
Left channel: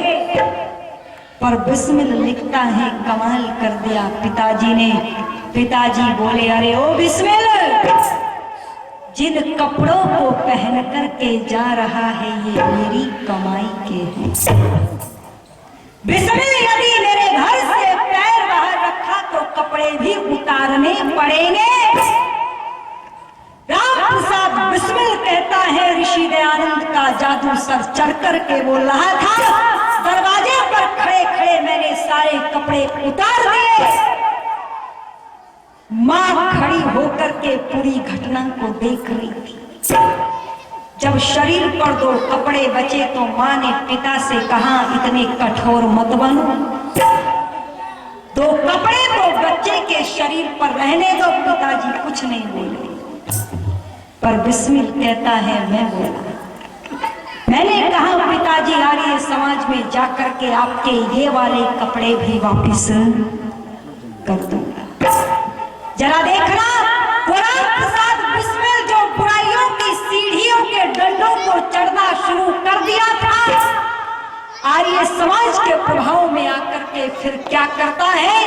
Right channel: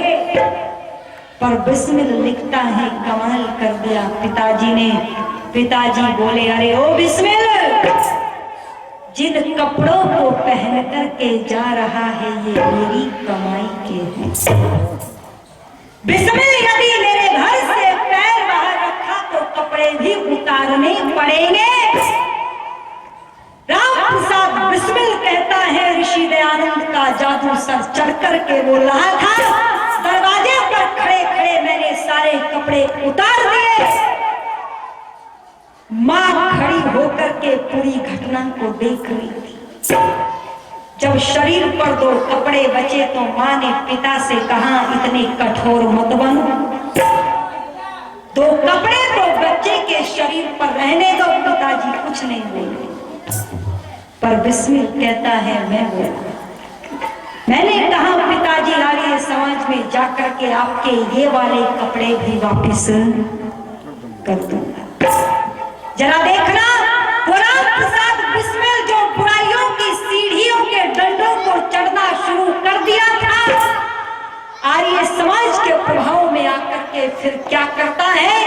पर बिस्मिल लिखता है कमाल कर दिया पिताजी ने। पिताजी बोले अरे ओ बिस्मिल, जिन कपड़ों को पहन करके जा रहा है ये मेरी कमाई के हैं। बिस्मिल यदि मेरे घर से पैर बाहर रखा तो कपड़े भी उतारने पड़ेंगे। राम प्रसाद बिस्मिल कहता है ऋषि दयानंद का जादू सर चढ़ करके बोल रहा था, दरवाजे पर खड़े खड़े मैंने सारे कपड़े उतार दिए। मां खड़ी होकर के पूरी घटना को देख रही थी। जब शरीर पर 2 कपड़े बचे तो मां ने पिता से कहा इतने कठोर मत बनो, 2 कपड़े तो बच्चे के शरीर पर रहने दो। पिताजी कुछ नहीं बोले पर बिस्मिल कहता है मैं बोला। मैंने कहा पिताजी आर्य समाज में जाकर के आपके ये वाले कपड़े भी वापस कर दूंगा। जरा देखना राम प्रसाद बिस्मिल जो बुराइयों की सीढ़ियों के डंडों को चढ़ना शुरू कर दिया था, आर्य समाज के प्रभाव में आकर के फिर क्या करता है।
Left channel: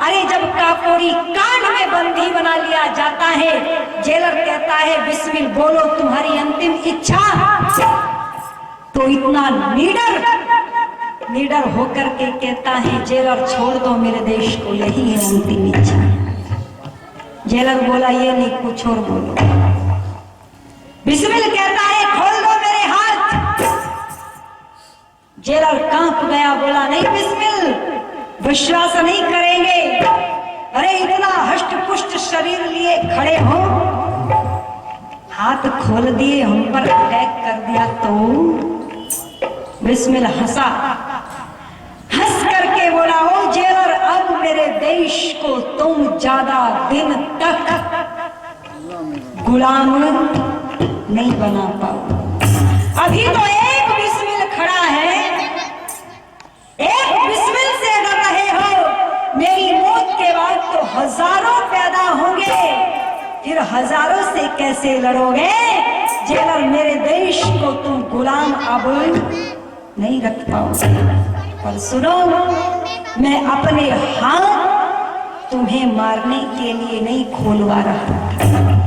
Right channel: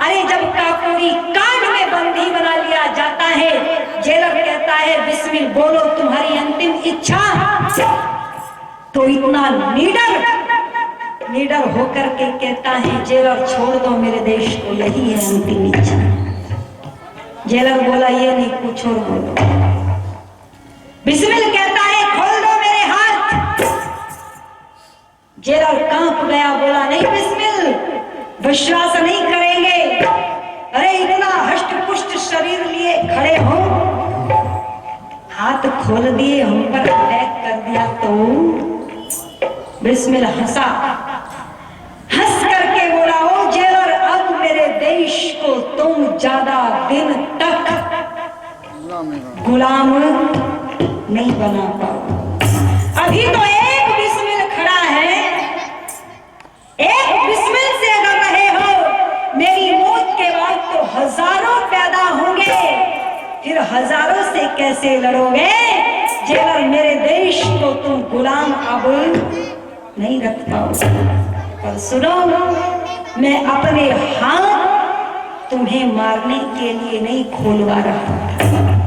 अरे जब काकोरी कांड में बंदी बना लिया जाता है, जेलर कहता है बिस्मिल बोलो तुम्हारी अंतिम इच्छा, तो इतना लीडर होकर के कहता है जेलर छोड़ दो मेरे देश को, यही है अंतिम इच्छा। जेलर बोला ये नहीं कुछ और बोलो। बिस्मिल कहता है खोल दो मेरे हाथ, जेलर कांप गया, बोला नहीं बिस्मिल, विश्वास नहीं करेंगे। अरे इतना हष्ट पुष्ट शरीर लिए खड़े हो, हाथ खोल दिए, हम पर अटैक कर दिया तो। बिस्मिल हंसा, हंस करके बोला, ओ जेलर, अब मेरे देश को तुम ज्यादा दिन तक गुलाम नहीं बना पाओ। अभी तो एक बिस्मिल खड़ा है, एक बिस्मिल से अगर रहे हो, मेरी मौत के बाद तो हजारों पैदा होंगे, फिर हजारों से कैसे लड़ोगे? जेलर, मेरे देश को तुम गुलाम अब नहीं रख पाओगे। और सुनो, मैं अपने हाथ तुम्हें मारने के लिए नहीं खोलवा रहा था।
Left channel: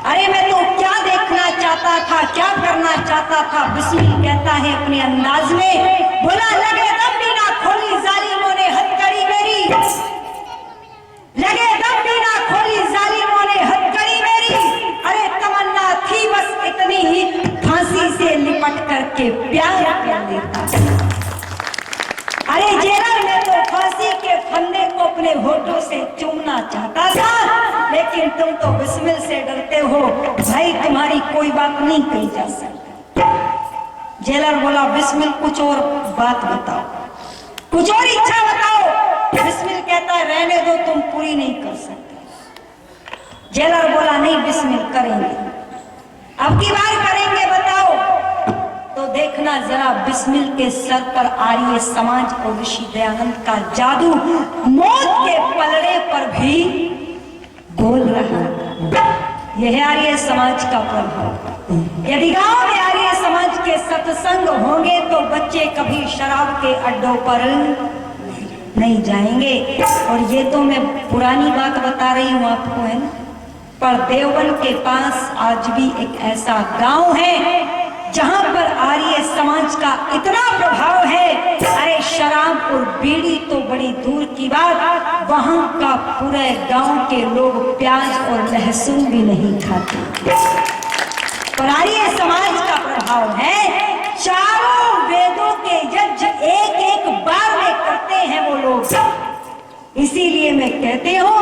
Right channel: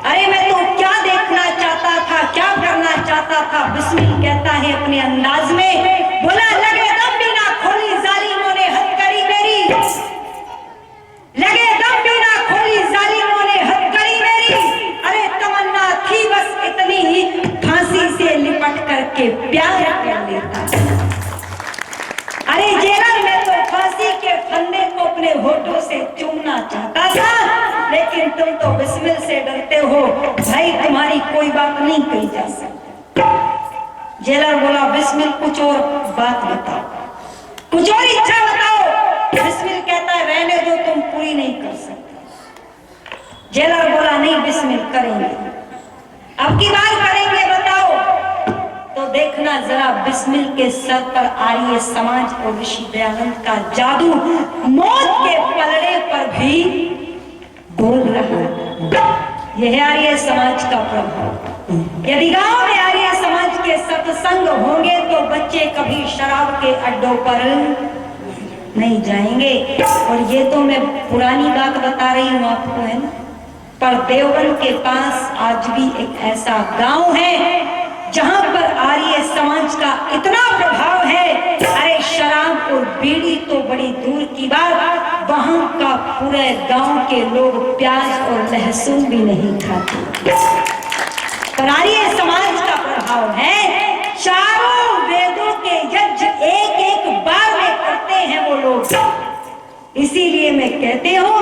अरे मैं तो क्या देखना चाहता था, क्या करना चाहता था? बिस्मिल कहता है अपने अंदाज में, बोला, लगे दम भी ना खोली जालिमों ने हथकड़ी मेरी, लगे दम भी ना खोली जालिमों ने हथकड़ी मेरी। अरे तमन्ना थी बस इतनी ही, फांसी से लिपट करके प्यार कर लेता। अरे जेलर, मैं तो फांसी के फंदे को अपने होठों से चूमना चाहता था, लेकिन तुम तो बिस्मिल से डरते हो। भाई, तुम्हारी कोई बात नहीं कही जा सकती। जेलर बोला, बिस्मिल कुछ और बात बताओ, कुछ और इच्छा बताओ। बिस्मिल कहता है, रहने दो, तुम पूरी नहीं कर सकते। जेलर बोला, नहीं बिस्मिल, करेंगे, अब की बार करेंगे, बताओ। तो देखना जरा, बिस्मिल के सर पर आर्य समाज और ऋषि दयानंद का जादू मौत के पलड़े पर भी बोल रहा। यह है आर्य समाज का प्रभाव। यदि गांव में आर्य समाज के सत्संग होंगे तो बच्चे कभी शराब के अड्डों पर नहीं जाएंगे। और ये तो मैं पुरानी बात बता रही हूँ आपको, है ना, पर देवबंद के पास आज भी एक ऐसा गांव है जहां पर आर्य समाज का इतना प्रभाव है। अरे शराब और बीड़ी तो बड़ी दूर की बात, वहां का पूरे गांव के लोग प्याज और लहसुन भी नहीं खाते। पर आर्य समाज का प्रभाव है, चारों वेदों के यज्ञ एक एक बार में करते हैं वो लोग। इसीलिए मैं कहती हूँ,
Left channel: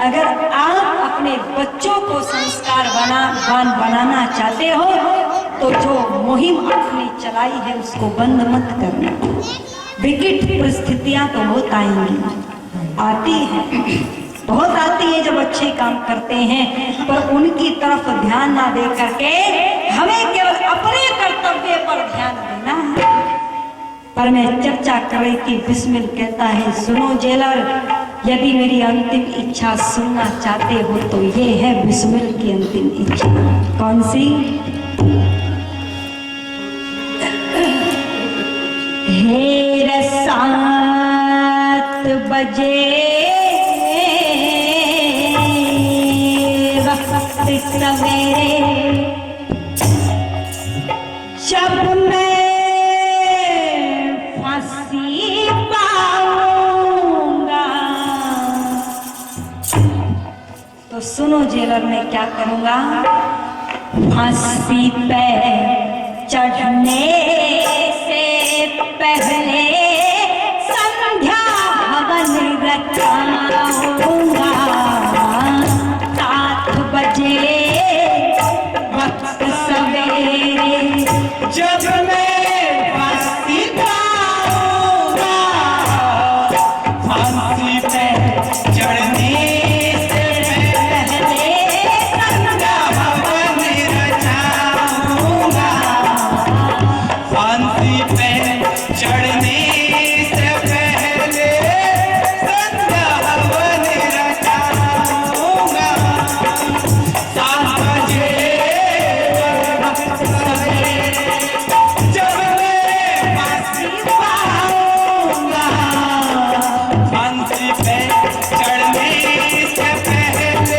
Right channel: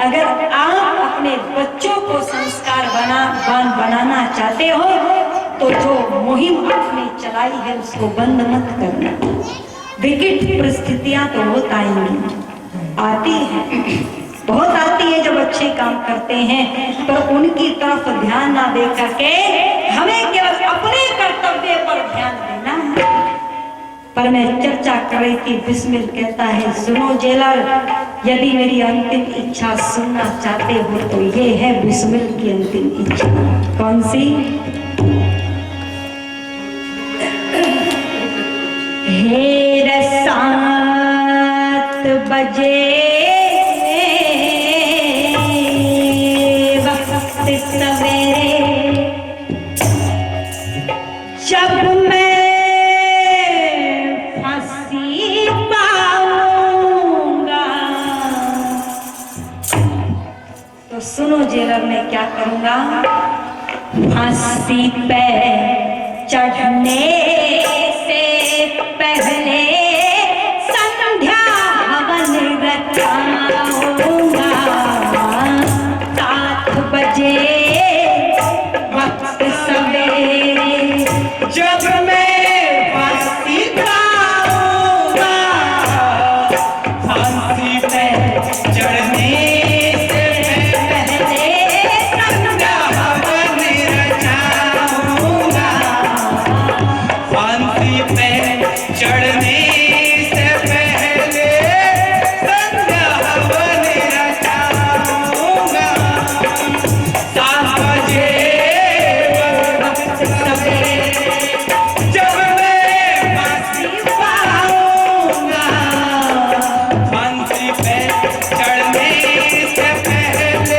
अगर आप अपने बच्चों को संस्कारवान बनाना चाहते हो तो जो मुहिम आपने चलाई है उसको बंद मत करना। विकट परिस्थितियां तो बहुत आएंगी, आती है, बहुत आती है जब अच्छे काम करते हैं, पर उनकी तरफ ध्यान ना दे करके हमें केवल अपने कर्तव्य पर ध्यान देना है। पर मैं चर्चा कर रही थी, बिस्मिल कहता है, सुनो जेलर, यदि मेरी अंतिम इच्छा सुनना चाहते हो तो ये है बिस्मिल की अंतिम इच्छा। कौन सी? हेर 7 बजे वक्त सवेरे, जब मैं फांसी पाऊंगा तो सुनो जेलर, मैं क्या करूंगा? फांसी पे चढ़ने से पहले संध्या हवन रचाऊंगा। 7 बजे वक्त सवेरे, जब मैं फांसी पाऊंगा, फांसी पे चढ़ने से पहले संध्या हवन रचाऊंगा। फांसी पे चढ़ने से पहले संध्या हवन रचाऊंगा। 7 बजे वक्त सवेरे, जब मैं फांसी पाऊंगा, फांसी पे चढ़ने से पहले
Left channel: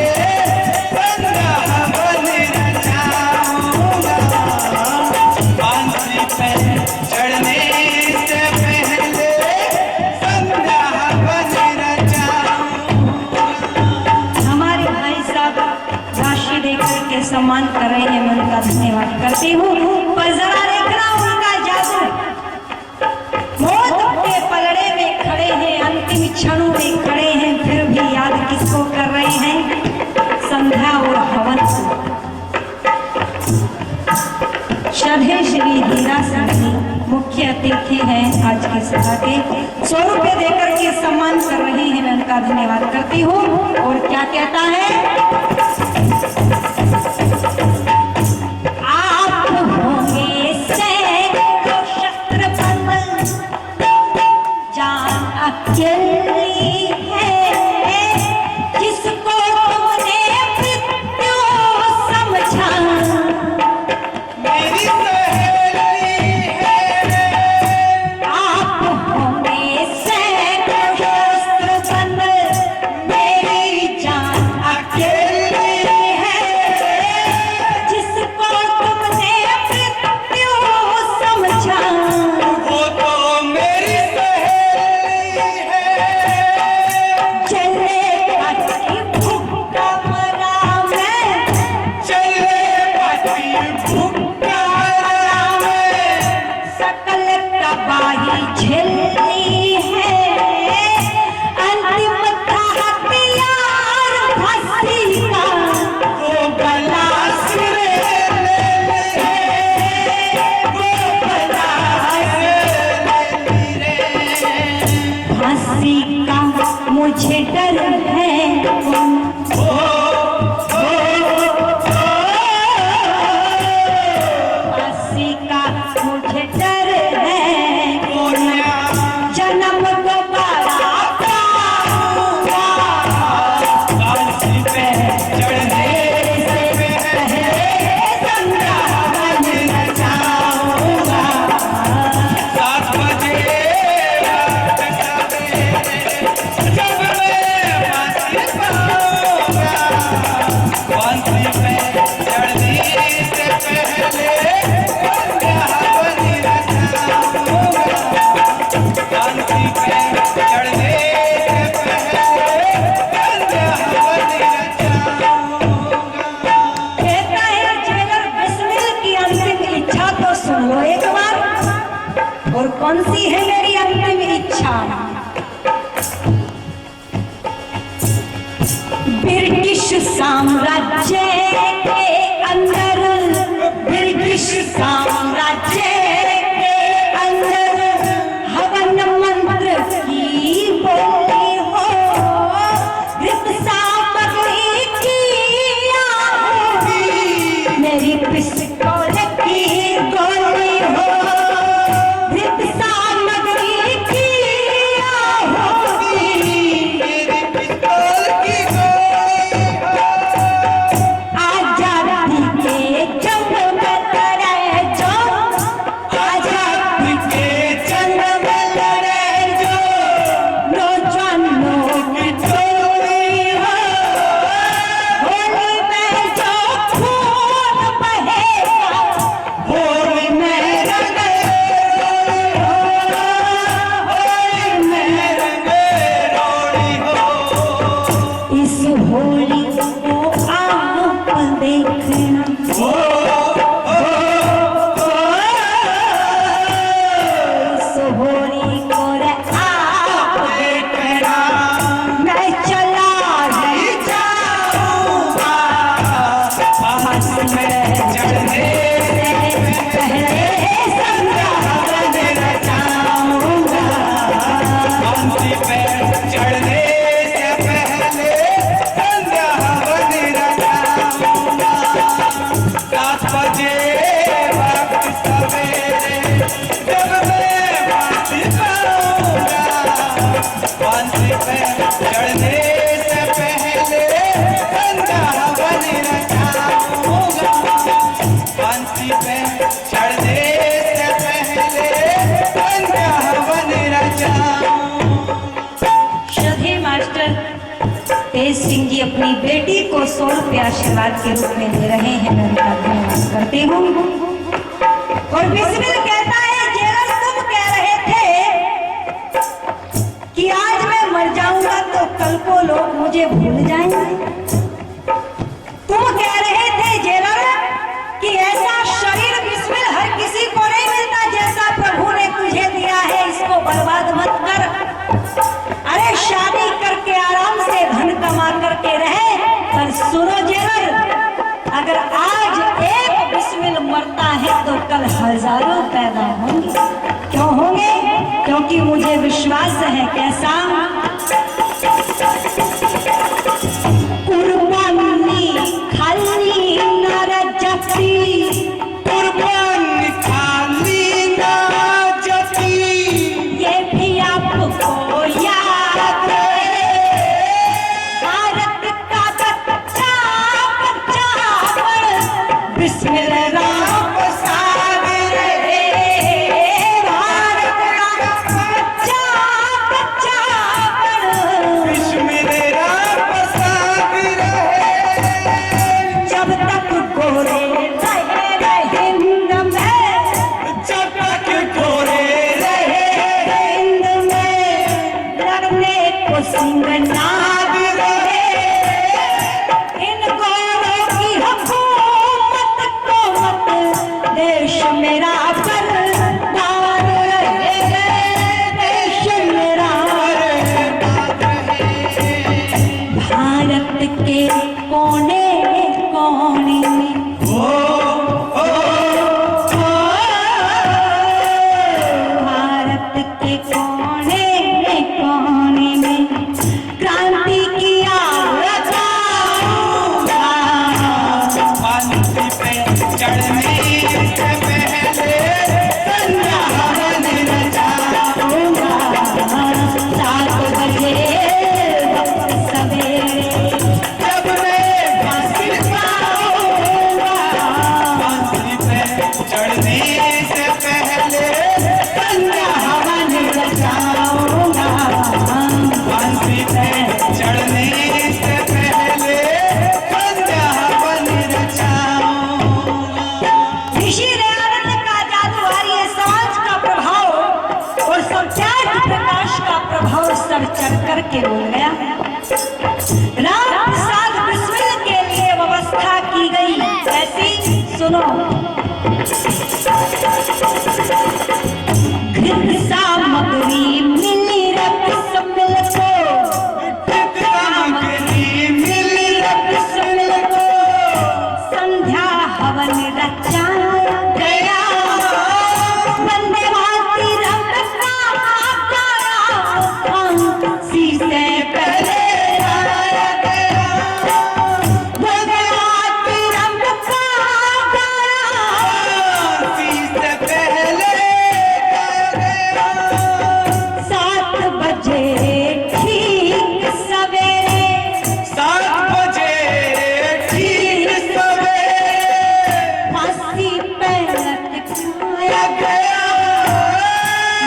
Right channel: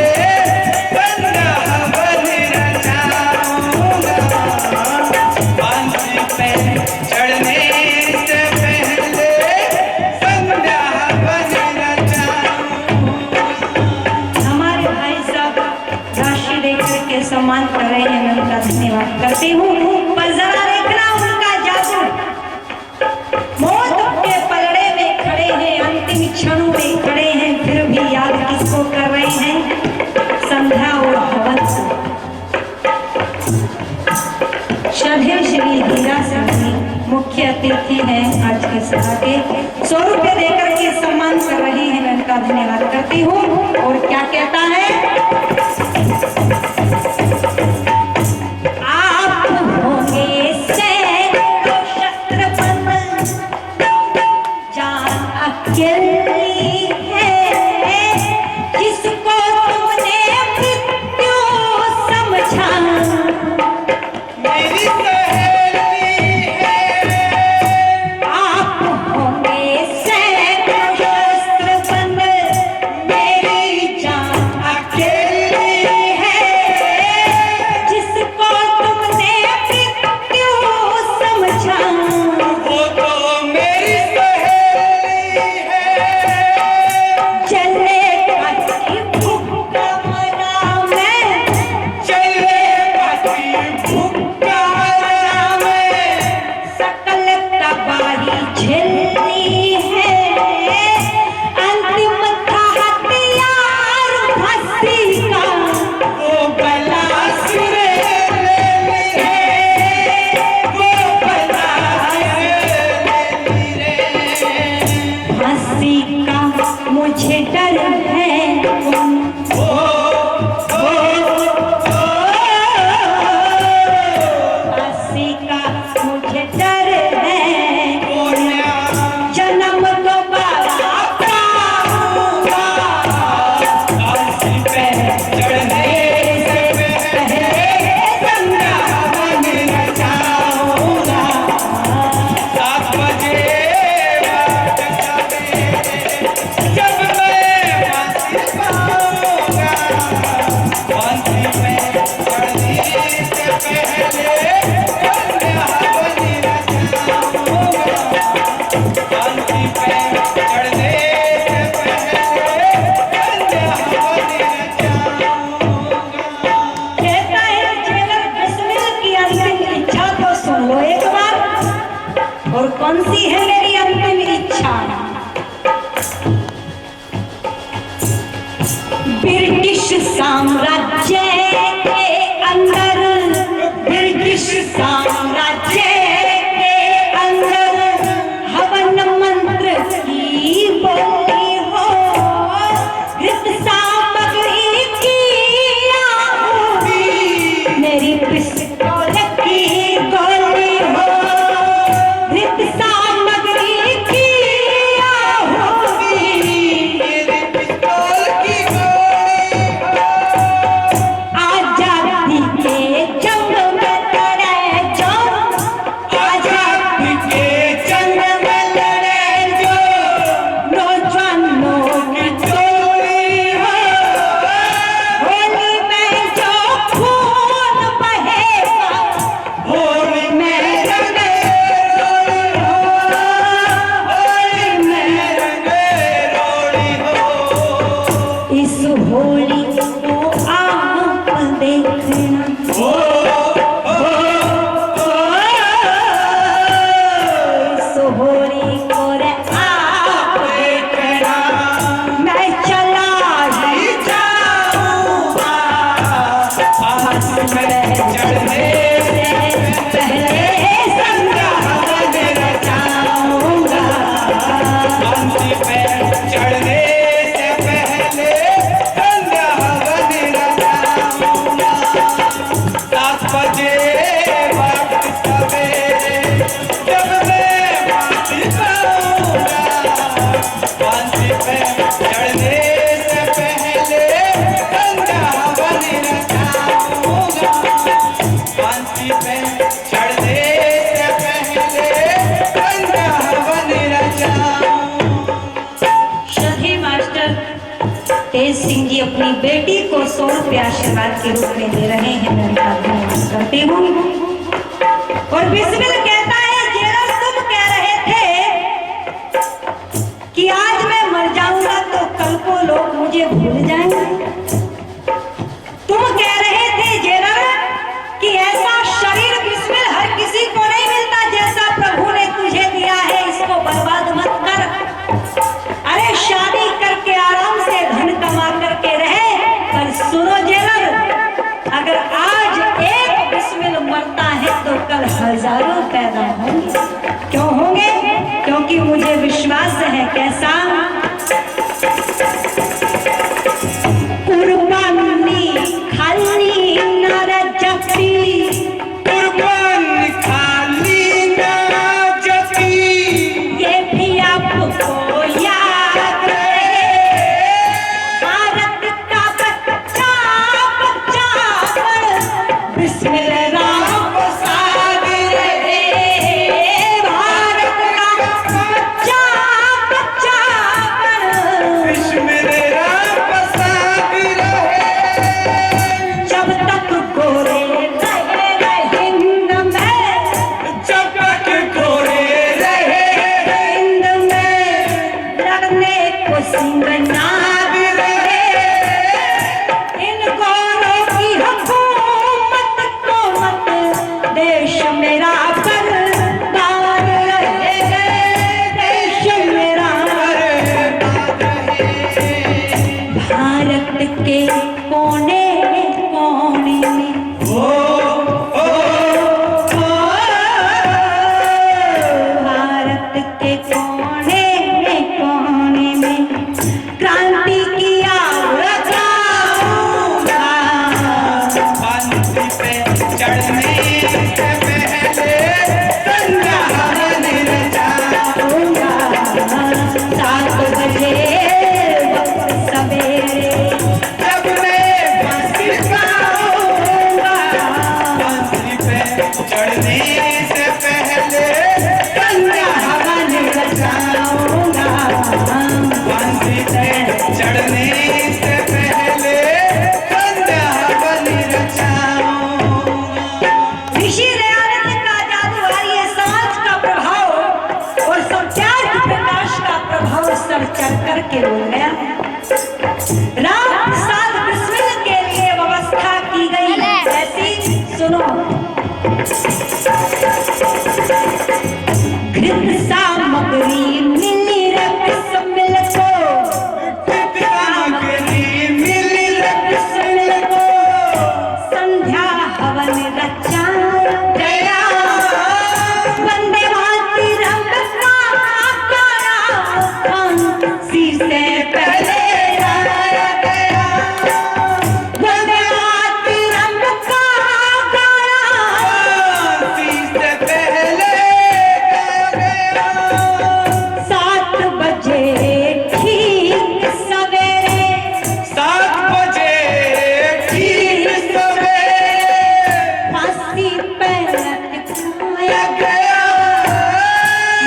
संध्या हवन रचाऊंगा। फांसी पे चढ़ने से पहले संध्या हवन रचाऊंगा। हमारे भाई साहब राशि देकर के सम्मान कर रहे हैं, मैं उनका धन्यवाद करती हूँ। पर जरा देखना उनका जादू, श्रद्धेय श्री हीरा सिंह जी मुख्य अतिथि हैं आज के सभा के। 100 रुपये देकर के सम्मान कर रहे हैं, मैं उनका धन्यवाद करती हूँ। और क्या कहता है, आप होंगे सैकड़ों शस्त्र बंद, जान अकेली है जिसको तुमने मृत्यु समझा। मेरी सहेली है, आप होंगे सैकड़ों शस्त्र बंद, मेरी जान अकेली है जिसको तुमने मृत्यु समझा। वो तो मेरी सहेली है, चले काटी भूखा मरा मैं, चले काटी भूखा मैं सकल तबाही झेलनी है, अंतिम था हथियार फांसी का, वो गला सुर लेली है, वो गला सुर लेली रे। फांसी का मुझे डर है, फांसी का मुझे डर है, जन्म दोबारा पाऊंगा, फांसी पे चढ़ने से पहले वृंदावन न जाऊंगा। 7 बजे रात का जब मैं फांसी पाऊंगा, फांसी पे चढ़ने से पहले वृंदावन न जाऊंगा। फांसी पे चढ़ने से पहले वृंदावन न जाऊंगा। कहता है जेलर बिस्मिल की अंतिम इच्छा तो सुन लो एक बार। और कौन सी है मेरी अंतिम इच्छा, ब्रिटिश साम्राज्य के अंदर, ब्रिटिश साम्राज्य के अंदर हवन मंत्र की बोली हो, घृत सामग्री की आहुति, मेरी पिस्तौल की गोली हो, घृत सामग्री की आहुति, मेरी पिस्तौल की गोली आजादी के जंग में लड़े जो, आजादी के जंग में लड़े जो नौजवानों की टोली हो, होली में जो खून बहेगा, होली में रंगे रोड़ी हो, होली में रंगे रोड़ी हो। इस होली को आप देखना, इस होली को रे आप देखना, मैं चला ही जाऊंगा फांसी पे चढ़ने से पहले संध्यावन रचाऊंगा, फांसी पे चढ़ने से पहले वृंदावन न जाऊंगा। 7 बजे रात सवेरे जब मैं फांसी पाऊंगा, फांसी पे चढ़ने से पहले वृंदावन न जाऊंगा। फांसी पे चढ़ने से पहले वृंदावन न जाऊंगा। श्रद्धेय मास्टर तेज सिंह जी अपनी बेटी को 100 रुपये आशीर्वाद के रूप में दे रहे हैं, मैं उनका धन्यवाद करती हूँ। और बिस्मिल कहता है, जेलर तुम कह रहे थे कि आज मैं मर जाऊंगा तो कल को लोग मुझे भूल जाएंगे। तुम कह रहे थे जेलर कि ऐसा शरीर बिस्मिल हर किसी को नहीं मिलता जैसा प्रभु ने तुझे दिया है, इसको बर्बाद मत कर। अरे शादी करके आराम से धन कमा करके रहे। पर सुनो जेलर, अगर आज एक बिस्मिल मरता है तो कल हजारों पैदा होंगे। क्यों होंगे? क्योंकि मुझे विश्वास है कैसा, कुर्बानी खाली न रजती, कुर्बानी खाली ना जती, ये भी आपको याद है। भारत का बच्चा बच्चा बिस्मिल्लाह राम साबिर है। भारत का बच्चा बच्चा बिस्मिल्लाह साबिर है। जब तक गोरे रहे हिंद में, जब तक गोरे रहे हिंद में लड़ने को सिंगना भी रहे। इन गौरों की हुकूमत को मत देश मेरा बरदार रहे, देश मेरा। भारत के कोने कोने में भारत के कोने कोने में क्रांति की आग लगाऊंगा। फांसी पे चढ़ने से पहले संध्या हवन रचाऊंगा। 7 बजे वक्त सवेरे जब मैं फांसी पाऊंगा। फांसी पे चढ़ने से पहले संध्या हवन रचाऊंगा। फांसी पे चढ़ने से पहले संध्या हवन रचाऊंगा। ऋषि दयानंद का जादू आर्य समाज का प्रभाव और सत्याग्रह प्रकाश का प्रभाव सर चढ़ करके हो गया। राम प्रसाद बिस्मिल के लिए व्यवस्था की गई। ऐसी सुनो, घृत सामग्री मिली रक्त मिल को, सामग्री मिली रक्त मिल को संध्या हवन रचाया गया। वंदे मातरम का गाया फांसी से पहले गाया गया। वंदे मातरम का गाया फांसी से पहले गाया गया। 7 बजे ठीक सवेरे 7 बजे ठीक सवेरे फांसी पे लटकाया गया।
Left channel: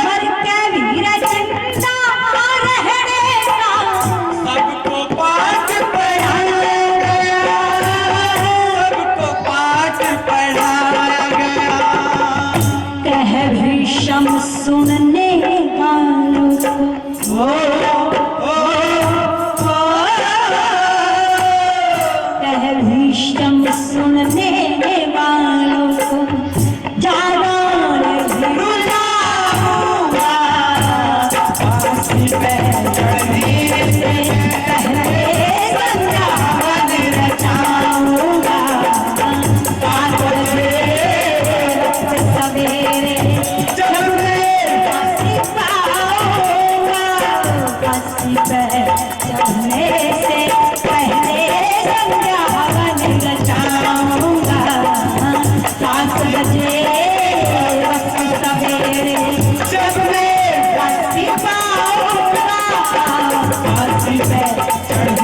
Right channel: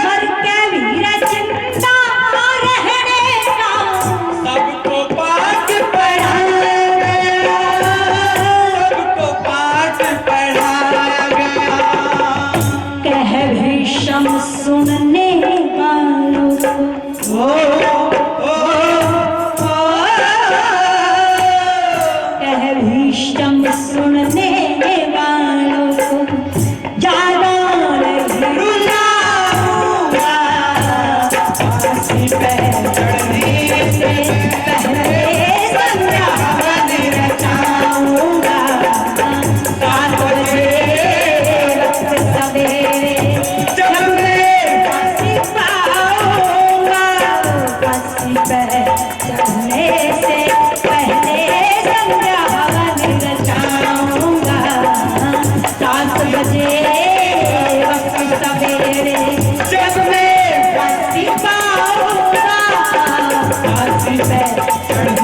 मर के वीर जिंदा रहने का सबको पाठ पढ़ाया गया। सबको पाठ पढ़ाया गया। कह भीषम सुनने वालों को, कह भीषम सुनने वालों को ज्यादा नहीं रुलाऊंगा। फांसी पे चढ़ने से पहले संध्या हवन रचाऊंगा। 7 बजे वक्त सवेरे जब मैं फांसी पाऊंगा। फांसी पे चढ़ने से पहले संध्या हवन रचाऊंगा। 7 बजे वक्त सवेरे जब मैं फांसी पाऊंगा। फांसी पे चढ़ने